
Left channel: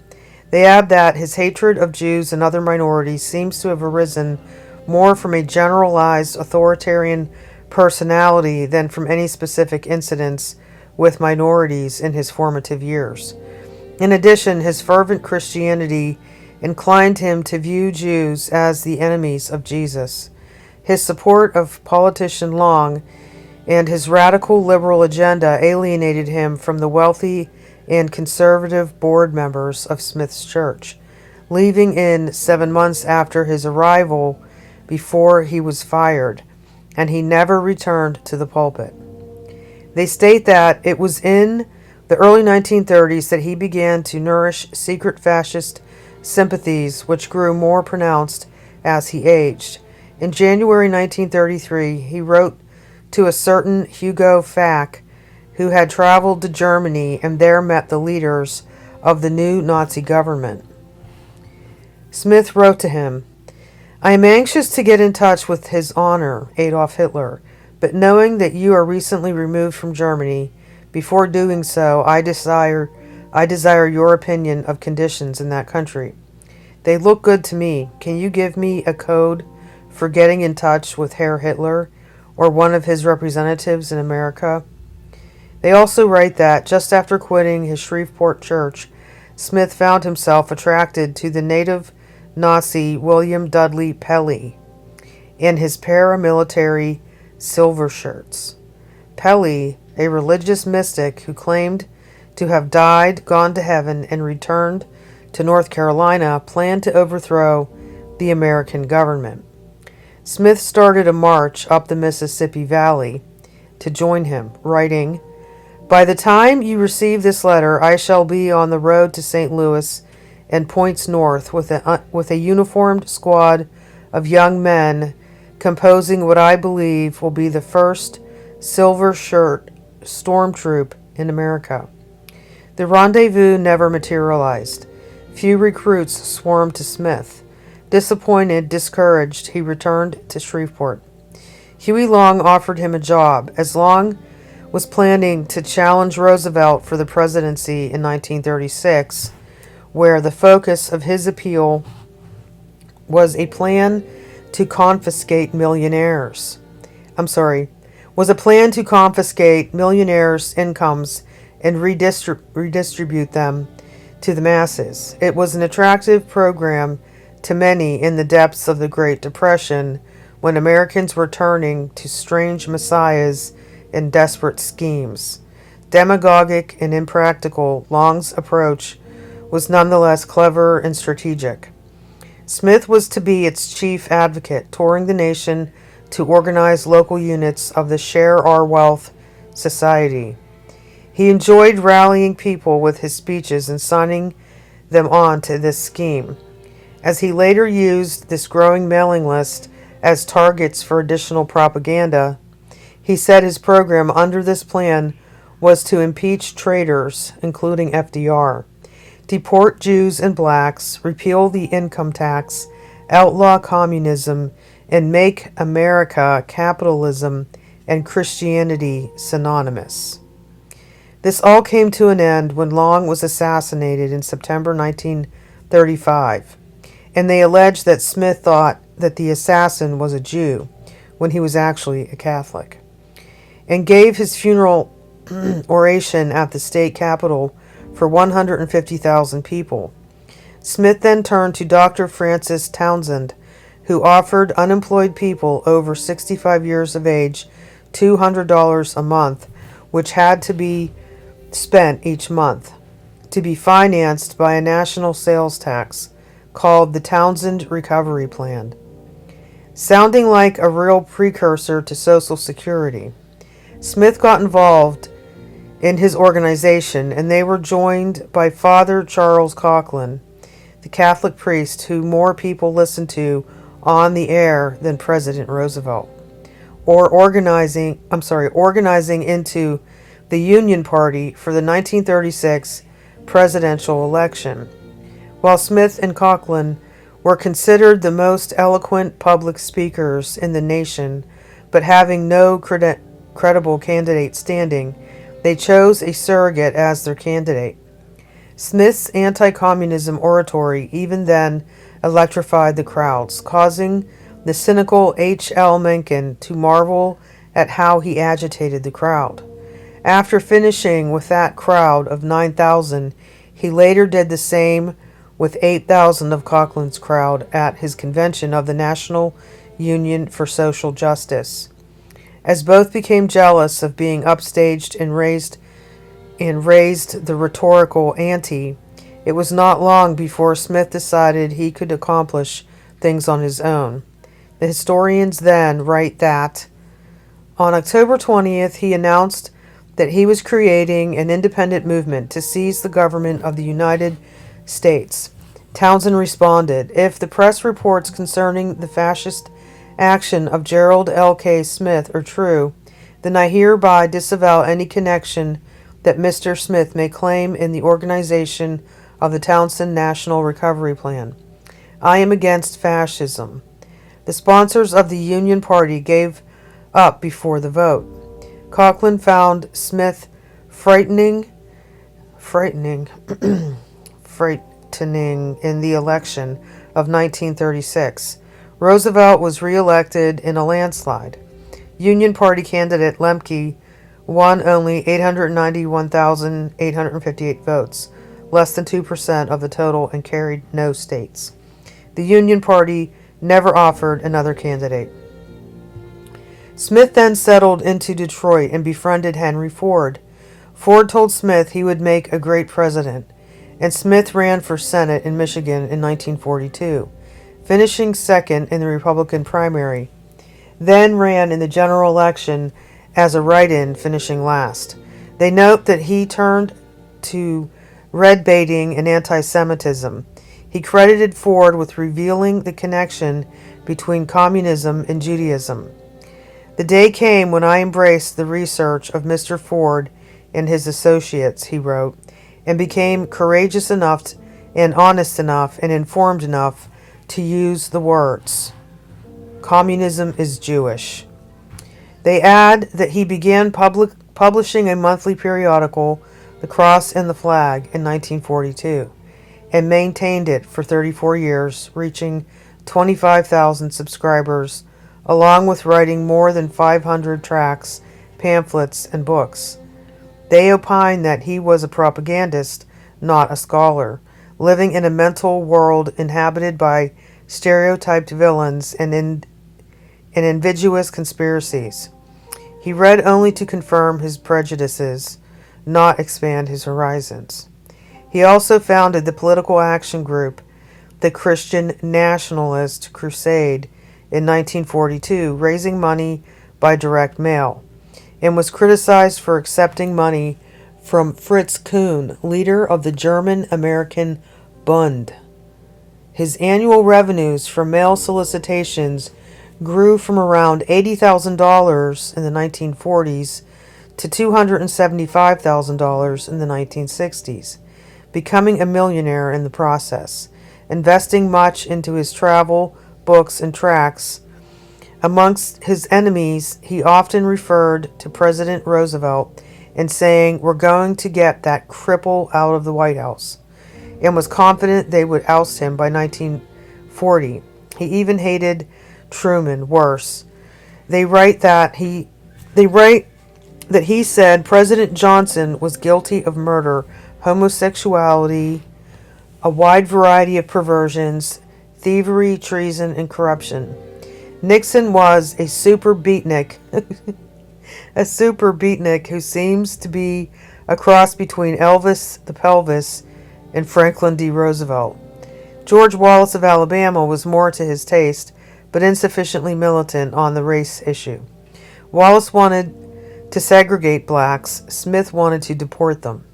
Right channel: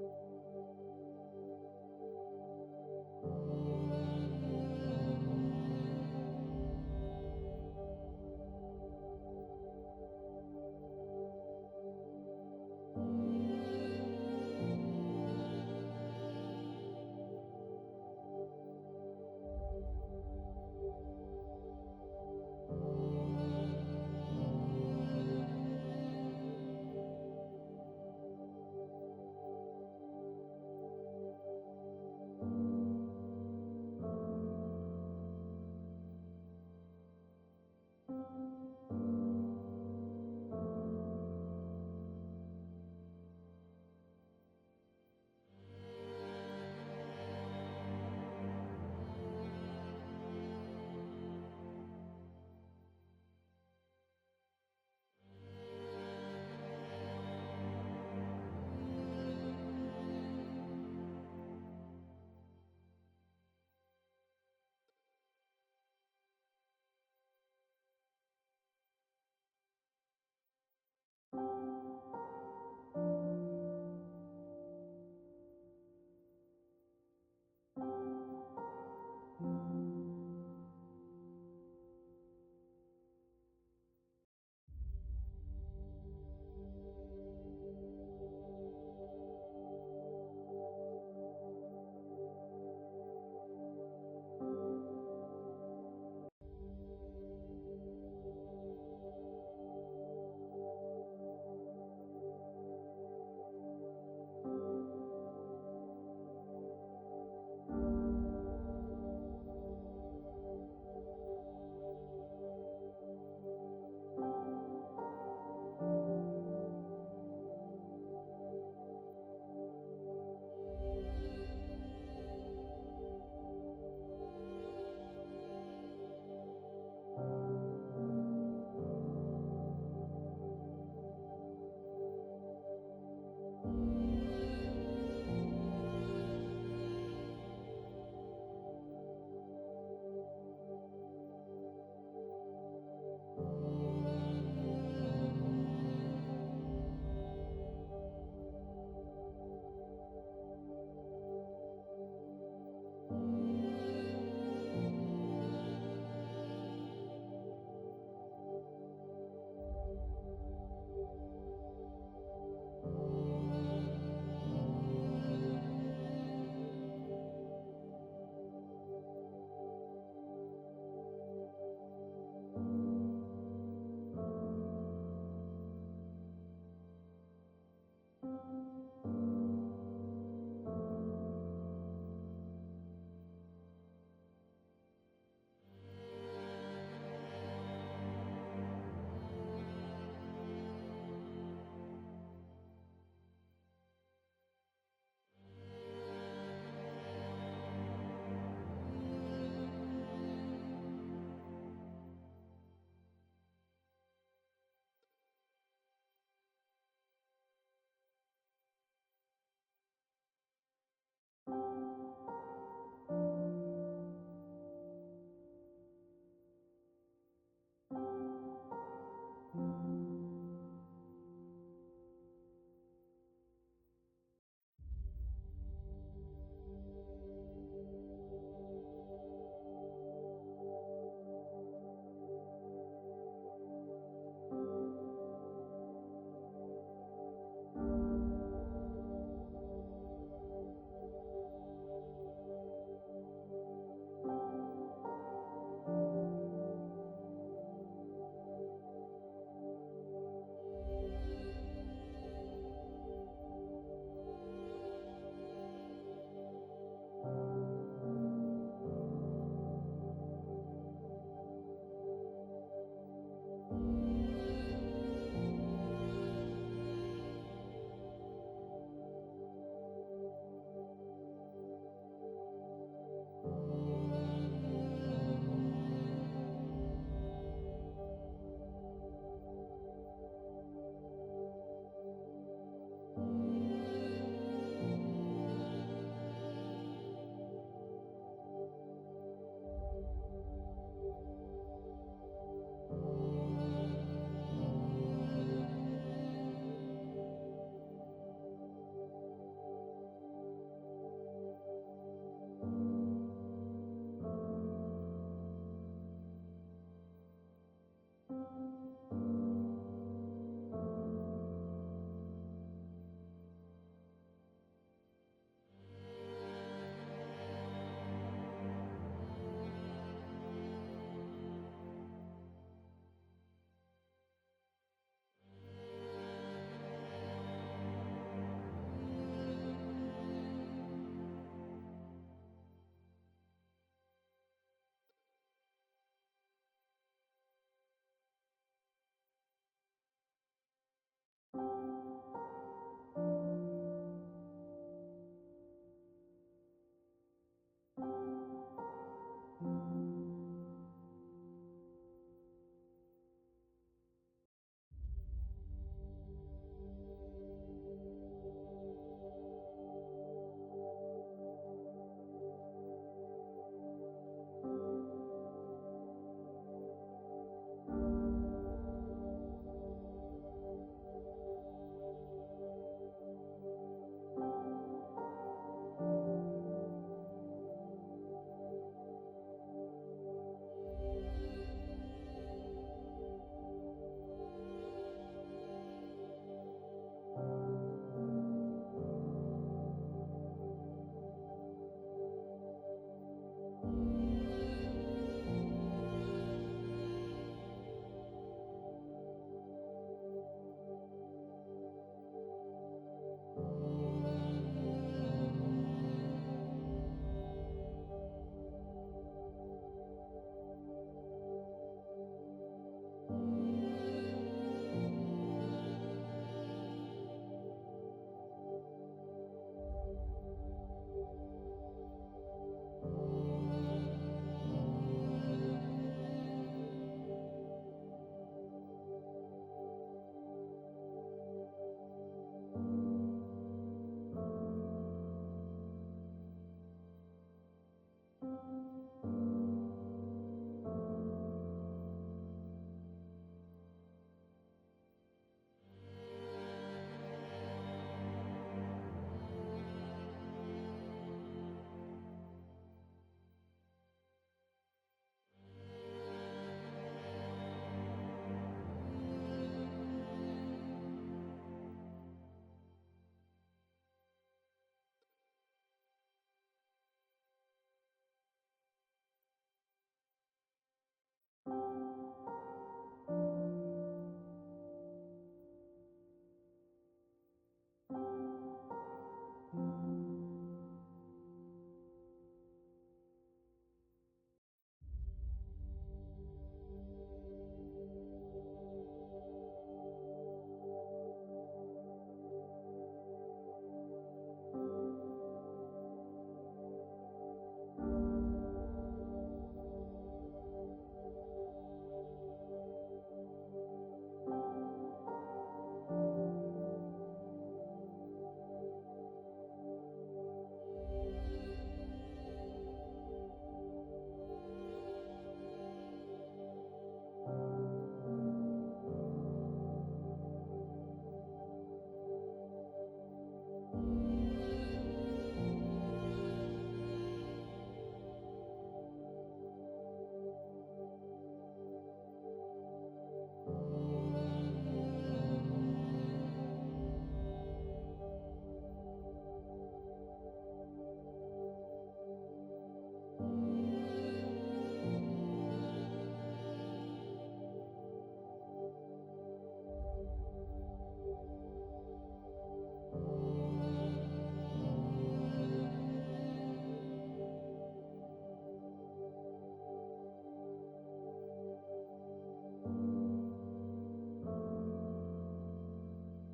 They add that his hatred of Jews and other minorities seems to have arisen more from a generalized authoritarian personality than from any specific incidents with minorities in his formative years. In addition, his fervent Christianity inclined him to view Jews as the enemies of Jesus. His support of politician Long and his radical liberal agenda alienated him from the wealthy and conservative board members of Smith's church, leaving in 7 months after his arrival before he was fired, and he never returned to the pulpit. They state that it was in the early 1930s that he began to nourish secret fascist sympathies, which grew more pronounced as he aged. In January 1933, he wrote to a certain Hugo Fack, who had traveled to Germany and there met the leaders of the new Nazi government. Smith wrote to him, "I am anxious to get in touch with His Honor, Adolf Hitler, but knowing that you are recently removed from Germany, before doing so, I desire your opinion of conditions in that country. They look good to me. Can you give me a code for getting in touch with Herr Hitler or one of his representatives in America?" They also write that, just after quitting his Shreveport church, Smith found himself attracted to the native Nazi William Dudley Pelley and his paramilitary silver shirts. Pelley, a religious mystic who claimed to have died, gone to heaven, and returned to North Carolina, planned to overthrow the American government. Smith started a march up the Mississippi Valley to join him, writing, "By the time you receive this letter, I shall be on the road to St. Louis and points north with a uniformed squad of young men composing what I believe will be the first silver shirt storm troop in America." The rendezvous never materialized. Few recruits swarmed to Smith. Disappointed, discouraged, he returned to Shreveport. Huey Long offered him a job, as Long was planning to challenge Roosevelt for the presidency in 1936, where the focus of his appeal was a plan to confiscate millionaires' incomes and redistribute them to the masses. It was an attractive program to many in the depths of the Great Depression, when Americans were turning to strange messiahs and desperate schemes. Demagogic and impractical, Long's approach was nonetheless clever and strategic. Smith was to be its chief advocate, touring the nation to organize local units of the Share Our Wealth Society. He enjoyed rallying people with his speeches and signing them on to this scheme. As he later used this growing mailing list as targets for additional propaganda, he said his program under this plan was to impeach traitors, including FDR, deport Jews and blacks, repeal the income tax, outlaw communism, and make America, capitalism, and Christianity synonymous. This all came to an end when Long was assassinated in September 1935, and they alleged that Smith thought that the assassin was a Jew when he was actually a Catholic, and gave his funeral oration at the state capitol for 150,000 people. Smith then turned to Dr. Francis Townsend, who offered unemployed people over 65 years of age $200 a month, which had to be spent each month, to be financed by a national sales tax called the Townsend Recovery Plan, sounding like a real precursor to Social Security. Smith got involved in his organization, and they were joined by Father Charles Coughlin, the Catholic priest who more people listened to on the air than President Roosevelt, or organizing into the Union Party for the 1936 presidential election. While Smith and Coughlin were considered the most eloquent public speakers in the nation, but having no credible candidate standing, they chose a surrogate as their candidate. Smith's anti-communism oratory even then electrified the crowds, causing the cynical H.L. Mencken to marvel at how he agitated the crowd. After finishing with that crowd of 9,000, he later did the same with 8,000 of Coughlin's crowd at his convention of the National Union for Social Justice. As both became jealous of being upstaged and raised the rhetorical ante, it was not long before Smith decided he could accomplish things on his own. The historians then write that on October 20th, he announced that he was creating an independent movement to seize the government of the United States. Townsend responded, "If the press reports concerning the fascist action of Gerald L.K. Smith are true, then I hereby disavow any connection that Mr. Smith may claim in the organization of the Townsend National Recovery Plan. I am against fascism. The sponsors of the Union Party gave up before the vote. Coughlin found Smith frightening in the election of 1936. Roosevelt was reelected in a landslide. Union Party candidate Lemke won only 891,858 votes, less than 2% of the total, and carried no states. The Union Party never offered another candidate. Smith then settled into Detroit and befriended Henry Ford. Ford told Smith he would make a great president, and Smith ran for Senate in Michigan in 1942, finishing second in the Republican primary, then ran in the general election as a write-in, finishing last. They note that he turned to red baiting and anti-Semitism. He credited Ford with revealing the connection between communism and Judaism. The day came when I embraced the research of Mr. Ford and his associates, he wrote, and became courageous enough and honest enough and informed enough to use the words, "Communism is Jewish." They add that he began publishing a monthly periodical, The Cross and the Flag, in 1942, and maintained it for 34 years, reaching 25,000 subscribers, along with writing more than 500 tracts, pamphlets, and books. They opine that he was a propagandist, not a scholar, living in a mental world inhabited by stereotyped villains and invidious conspiracies. He read only to confirm his prejudices, not expand his horizons. He also founded the political action group, the Christian Nationalist Crusade, in 1942, raising money by direct mail, and was criticized for accepting money from Fritz Kuhn, leader of the German-American Bund. His annual revenues from mail solicitations grew from around $80,000 in the 1940s to $275,000 in the 1960s, becoming a millionaire in the process, investing much into his travel, books, and tracts. Amongst his enemies, he often referred to President Roosevelt and saying, "We're going to get that cripple out of the White House," and was confident they would oust him by 1940. He even hated Truman worse. They write that he said President Johnson was guilty of murder, homosexuality, a wide variety of perversions, thievery, treason, and corruption. Nixon was a super beatnik, who seems to be a cross between Elvis the Pelvis and Franklin D. Roosevelt. George Wallace of Alabama was more to his taste, but insufficiently militant on the race issue. Wallace wanted to segregate blacks. Smith wanted to deport them.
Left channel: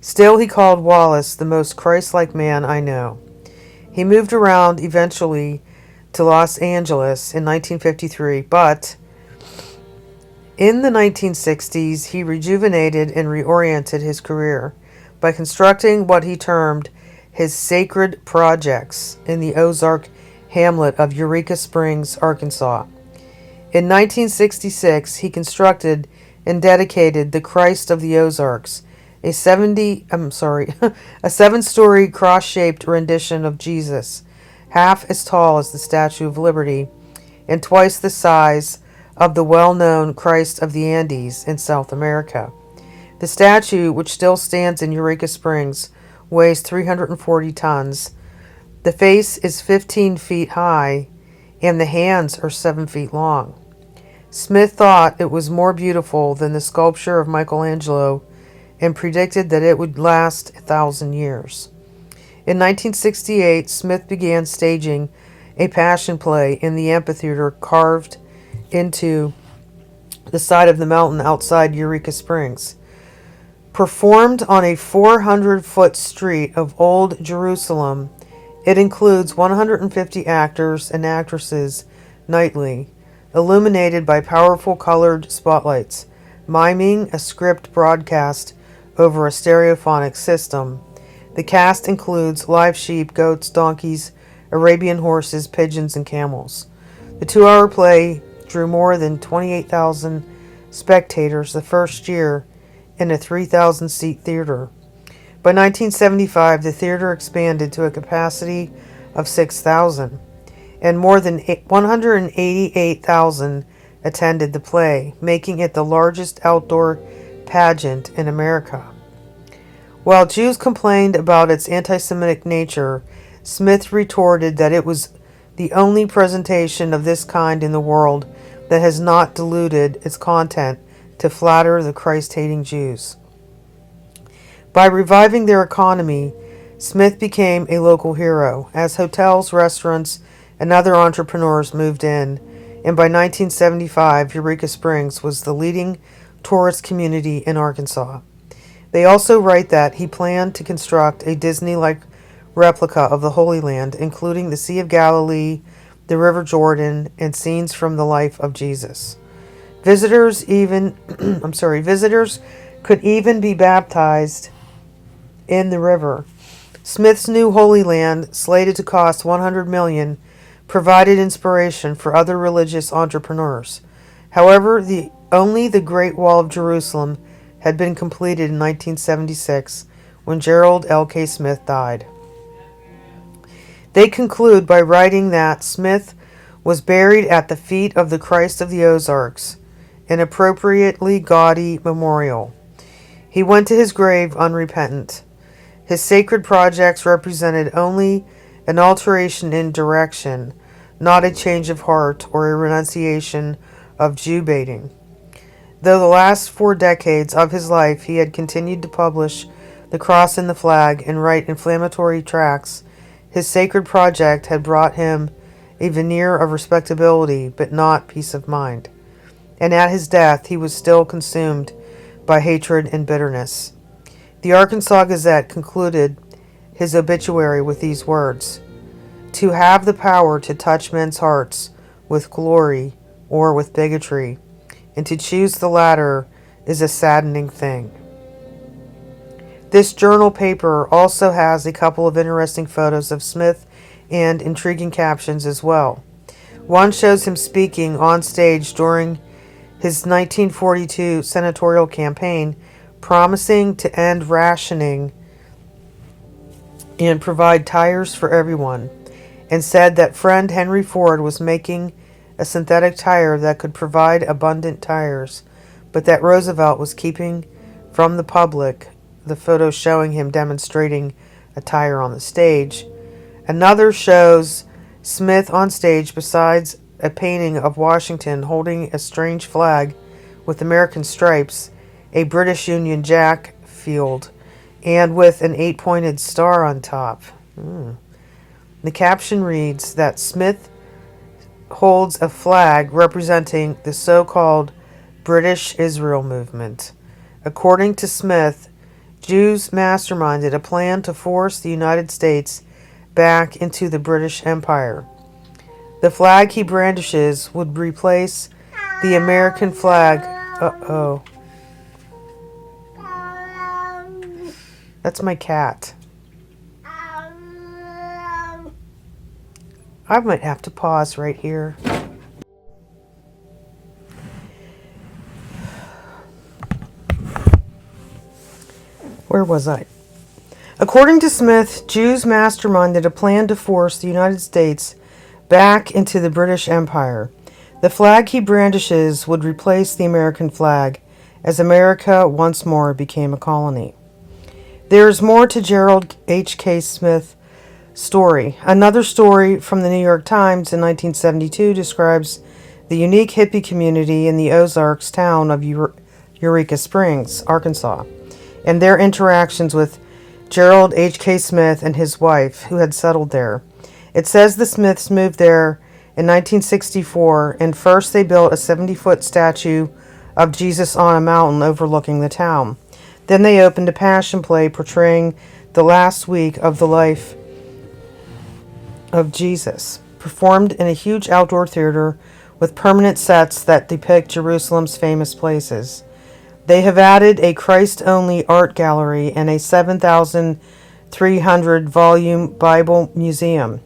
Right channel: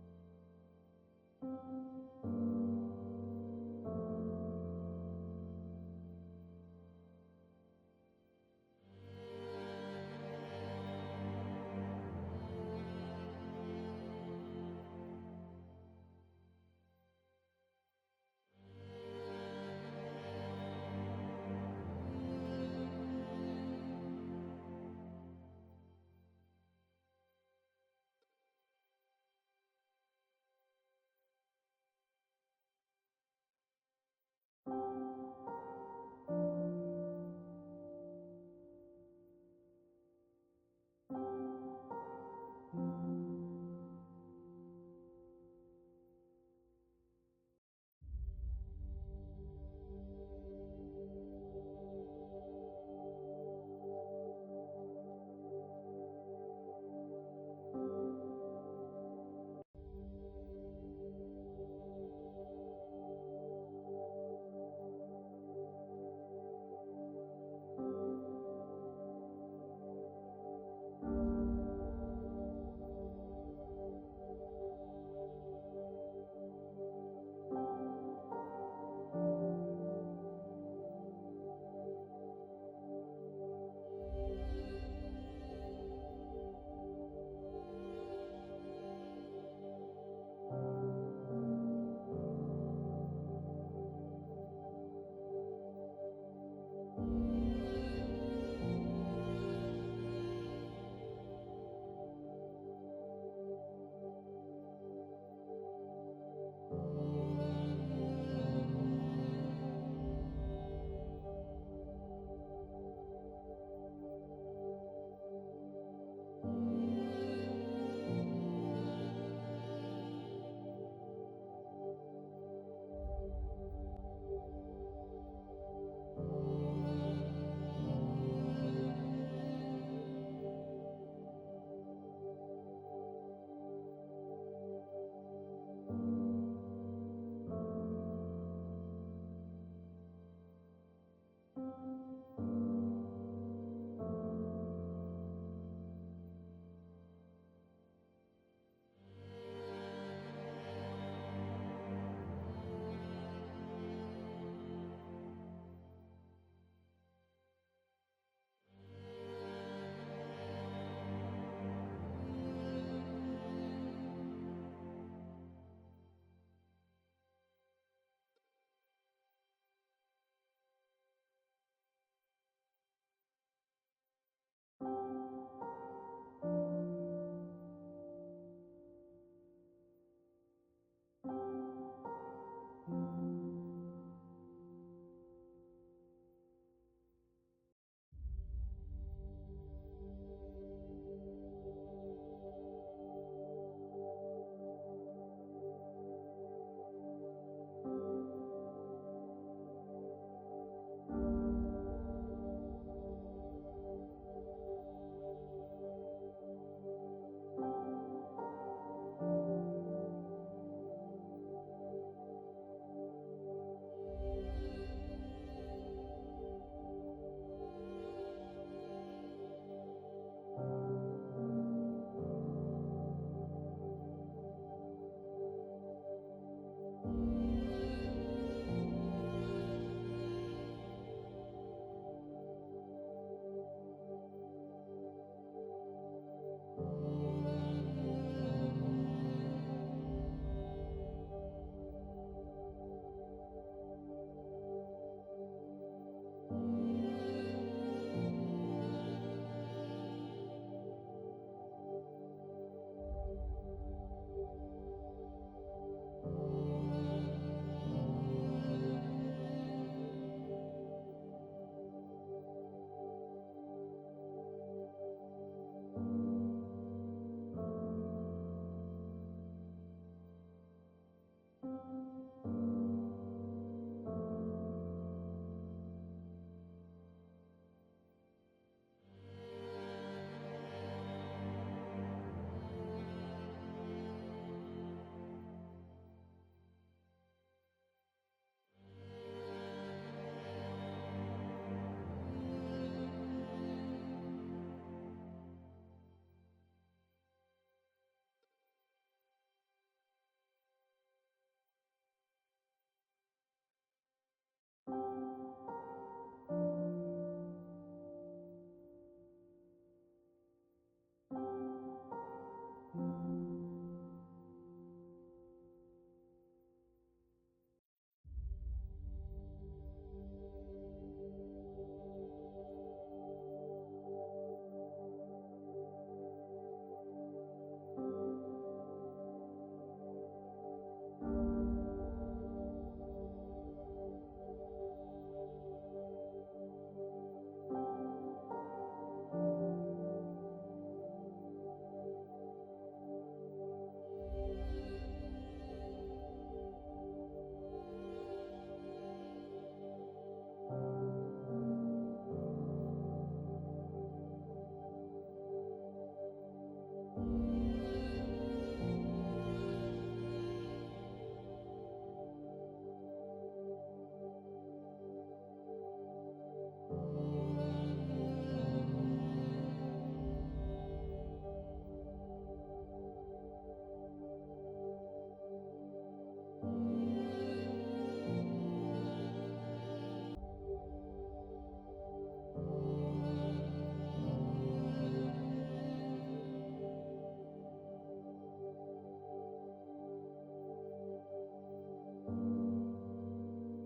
Still, he called Wallace the most Christ-like man I know. He moved around eventually to Los Angeles in 1953, but in the 1960s, he rejuvenated and reoriented his career by constructing what he termed his sacred projects in the Ozark hamlet of Eureka Springs, Arkansas. In 1966, he constructed and dedicated the Christ of the Ozarks, a 7-story cross-shaped rendition of Jesus, half as tall as the Statue of Liberty and twice the size of the well-known Christ of the Andes in South America. The statue, which still stands in Eureka Springs, weighs 340 tons. The face is 15 feet high, and the hands are 7 feet long. Smith thought it was more beautiful than the sculpture of Michelangelo and predicted that it would last 1,000 years. In 1968, Smith began staging a passion play in the amphitheater carved into the side of the mountain outside Eureka Springs. Performed on a 400-foot street of Old Jerusalem, it includes 150 actors and actresses nightly. illuminated by powerful colored spotlights, miming a script broadcast over a stereophonic system. The cast includes live sheep, goats, donkeys, Arabian horses, pigeons, and camels. The 2-hour play drew more than 28,000 spectators the first year in a 3,000-seat theater. By 1975, the theater expanded to a capacity of 6,000, and more than 188,000 attended the play, making it the largest outdoor pageant in America. While Jews complained about its anti-Semitic nature, Smith retorted that it was the only presentation of this kind in the world that has not diluted its content to flatter the Christ-hating Jews. By reviving their economy, Smith became a local hero as hotels, restaurants, and other entrepreneurs moved in, and by 1975, Eureka Springs was the leading tourist community in Arkansas. They also write that he planned to construct a Disney-like replica of the Holy Land, including the Sea of Galilee, the River Jordan, and scenes from the life of Jesus. Visitors could even be baptized in the river. Smith's new Holy Land, slated to cost $100 million, provided inspiration for other religious entrepreneurs. However, only the Great Wall of Jerusalem had been completed in 1976 when Gerald L.K. Smith died. They conclude by writing that Smith was buried at the feet of the Christ of the Ozarks, an appropriately gaudy memorial. He went to his grave unrepentant. His sacred projects represented only an alteration in direction, not a change of heart or a renunciation of Jew baiting. Though the last 4 decades of his life he had continued to publish the cross and the flag and write inflammatory tracts, his sacred project had brought him a veneer of respectability, but not peace of mind. And at his death, he was still consumed by hatred and bitterness. The Arkansas Gazette concluded his obituary with these words: "To have the power to touch men's hearts with glory or with bigotry, and to choose the latter is a saddening thing." This journal paper also has a couple of interesting photos of Smith and intriguing captions as well. One shows him speaking on stage during his 1942 senatorial campaign, promising to end rationing and provide tires for everyone, and said that friend Henry Ford was making a synthetic tire that could provide abundant tires, but that Roosevelt was keeping from the public the photo showing him demonstrating a tire on the stage. Another shows Smith on stage besides a painting of Washington holding a strange flag with American stripes, a British Union Jack field, and with an 8-pointed star on top. The caption reads that Smith holds a flag representing the so-called British Israel movement. According to Smith, Jews masterminded a plan to force the United States back into the British Empire. The flag he brandishes would replace the American flag. Uh-oh. That's my cat. I might have to pause right here. Where was I? According to Smith, Jews masterminded a plan to force the United States back into the British Empire. The flag he brandishes would replace the American flag as America once more became a colony. There is more to Gerald H.K. Smith's story. Another story from the New York Times in 1972 describes the unique hippie community in the Ozarks town of Eureka Springs, Arkansas, and their interactions with Gerald H.K. Smith and his wife, who had settled there. It says the Smiths moved there in 1964, and first they built a 70-foot statue of Jesus on a mountain overlooking the town. Then they opened a passion play portraying the last week of the life of Jesus, performed in a huge outdoor theater with permanent sets that depict Jerusalem's famous places. They have added a Christ-only art gallery and a 7,300-volume Bible museum.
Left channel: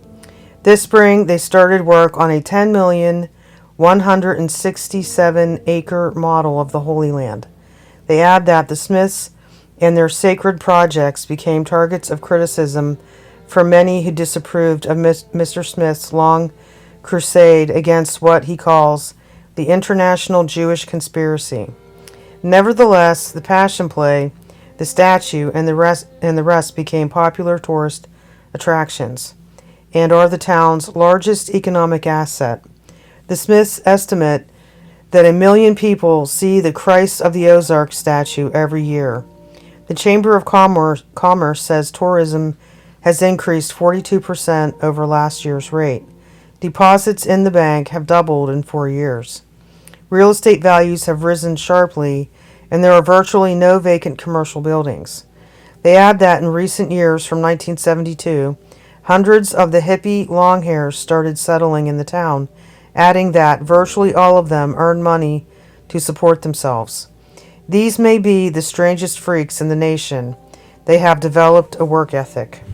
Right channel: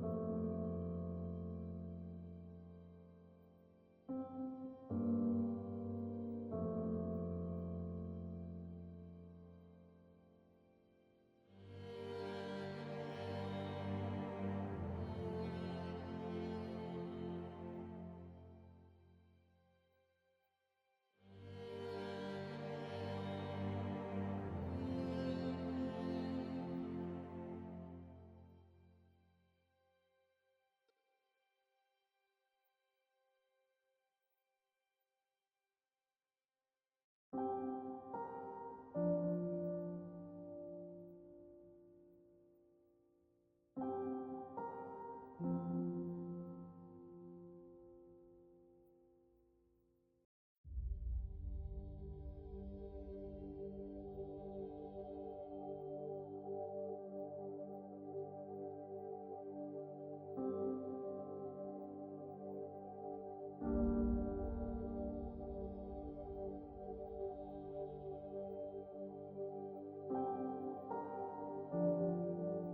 This spring, they started work on a 10,167-acre model of the Holy Land. They add that the Smiths and their sacred projects became targets of criticism for many who disapproved of Mr. Smith's long crusade against what he calls the international Jewish conspiracy. Nevertheless, the Passion Play, the statue, and the rest became popular tourist attractions and are the town's largest economic asset. The Smiths estimate that 1 million people see the Christ of the Ozarks statue every year. The Chamber of Commerce says tourism has increased 42% over last year's rate. Deposits in the bank have doubled in 4 years. Real estate values have risen sharply, and there are virtually no vacant commercial buildings. They add that in recent years, from 1972, hundreds of the hippie longhairs started settling in the town, adding that virtually all of them earn money to support themselves. These may be the strangest freaks in the nation. They have developed a work ethic.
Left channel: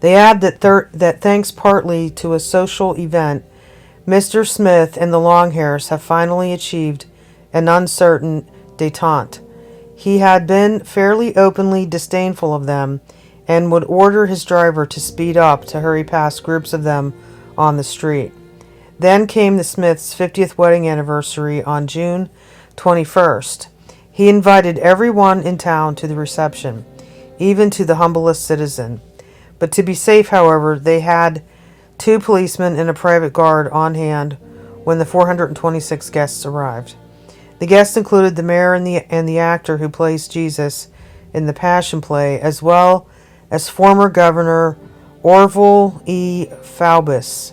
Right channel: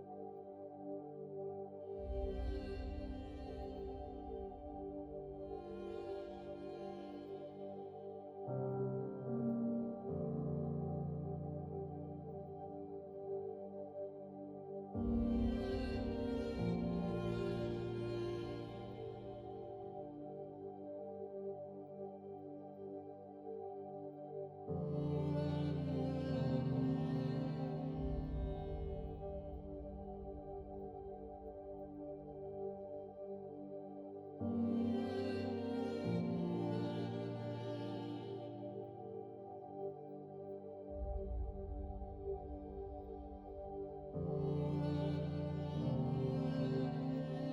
They add that thanks partly to a social event, Mr. Smith and the Longhairs have finally achieved an uncertain détente. He had been fairly openly disdainful of them and would order his driver to speed up to hurry past groups of them on the street. Then came the Smiths' 50th wedding anniversary on June 21st. He invited everyone in town to the reception, even to the humblest citizen. But to be safe, however, they had 2 policemen and a private guard on hand when the 426 guests arrived. The guests included the mayor and the actor who plays Jesus in the Passion Play, as well as former Governor Orville E. Faubus.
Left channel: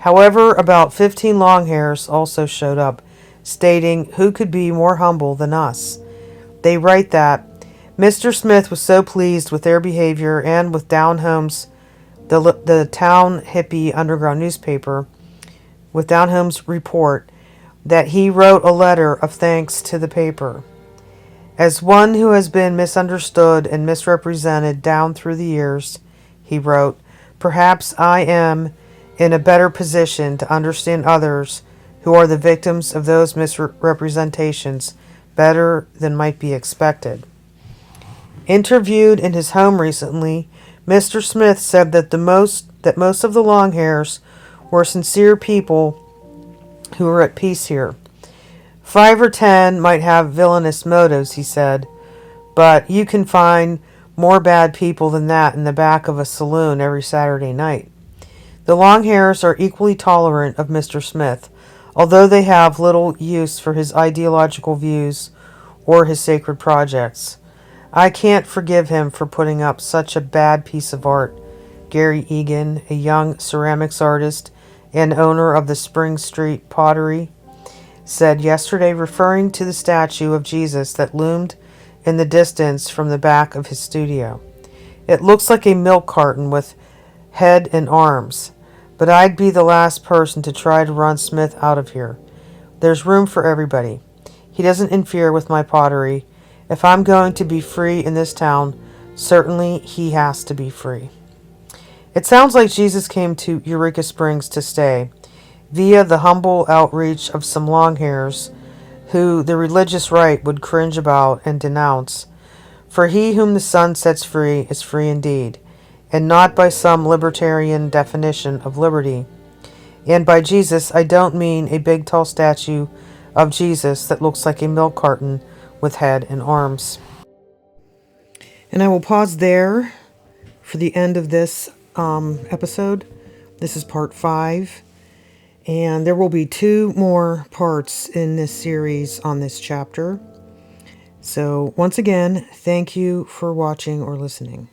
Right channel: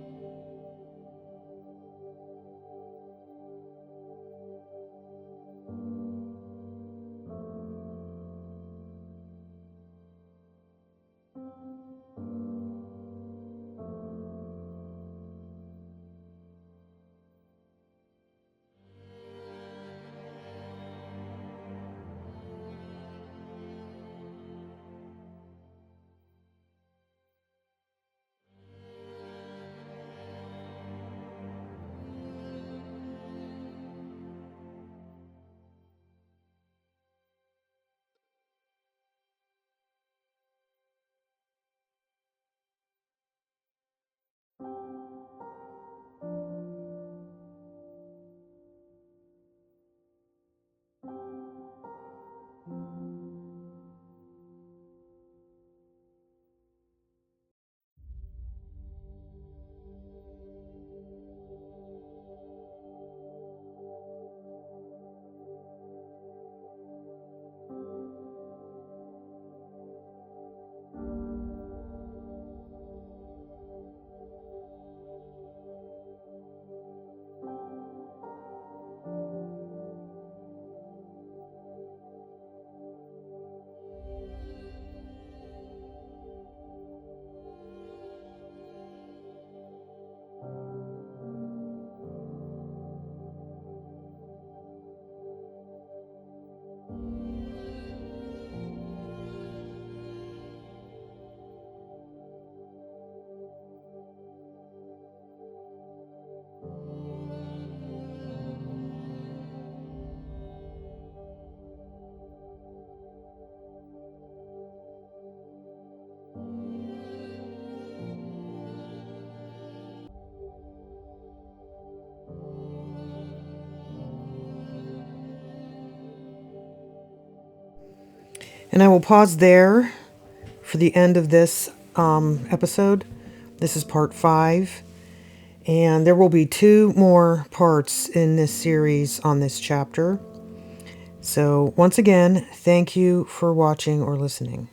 However, about 15 Longhairs also showed up, stating, "Who could be more humble than us?" They write that Mr. Smith was so pleased with their behavior and with Down Home's, the town hippie underground newspaper, with Down Home's report, that he wrote a letter of thanks to the paper. As one who has been misunderstood and misrepresented down through the years, he wrote, perhaps I am in a better position to understand others who are the victims of those misrepresentations better than might be expected. Interviewed in his home recently, Mr. Smith said that most of the Longhairs were sincere people who were at peace here. 5 or 10 might have villainous motives, he said, but you can find more bad people than that in the back of a saloon every Saturday night. The Longhairs are equally tolerant of Mr. Smith, although they have little use for his ideological views or his sacred projects. I can't forgive him for putting up such a bad piece of art, Gary Egan, a young ceramics artist and owner of the Spring Street Pottery, said yesterday, referring to the statue of Jesus that loomed in the distance from the back of his studio. It looks like a milk carton with head and arms, but I'd be the last person to try to run Smith out of here. There's room for everybody. He doesn't interfere with my pottery. If I'm going to be free in this town, certainly he has to be free. It sounds like Jesus came to Eureka Springs to stay, via the humble outreach of some Longhairs who the religious right would cringe about and denounce. For he whom the Son sets free is free indeed, and not by some libertarian definition of liberty. And by Jesus, I don't mean a big tall statue of Jesus that looks like a milk carton with head and arms. And I will pause there for the end of this episode. This is part 5. And there will be 2 more parts in this series on this chapter. So once again, thank you for watching or listening.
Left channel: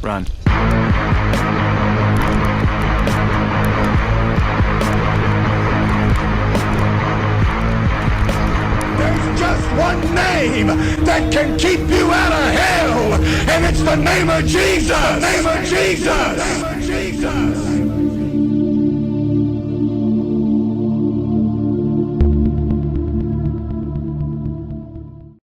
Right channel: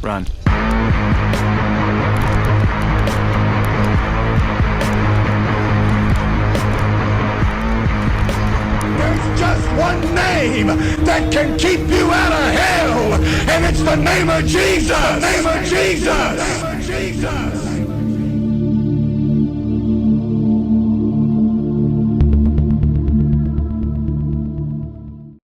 Run. can keep you out of hell, and it's the name of Jesus. The name of Jesus. The name of Jesus.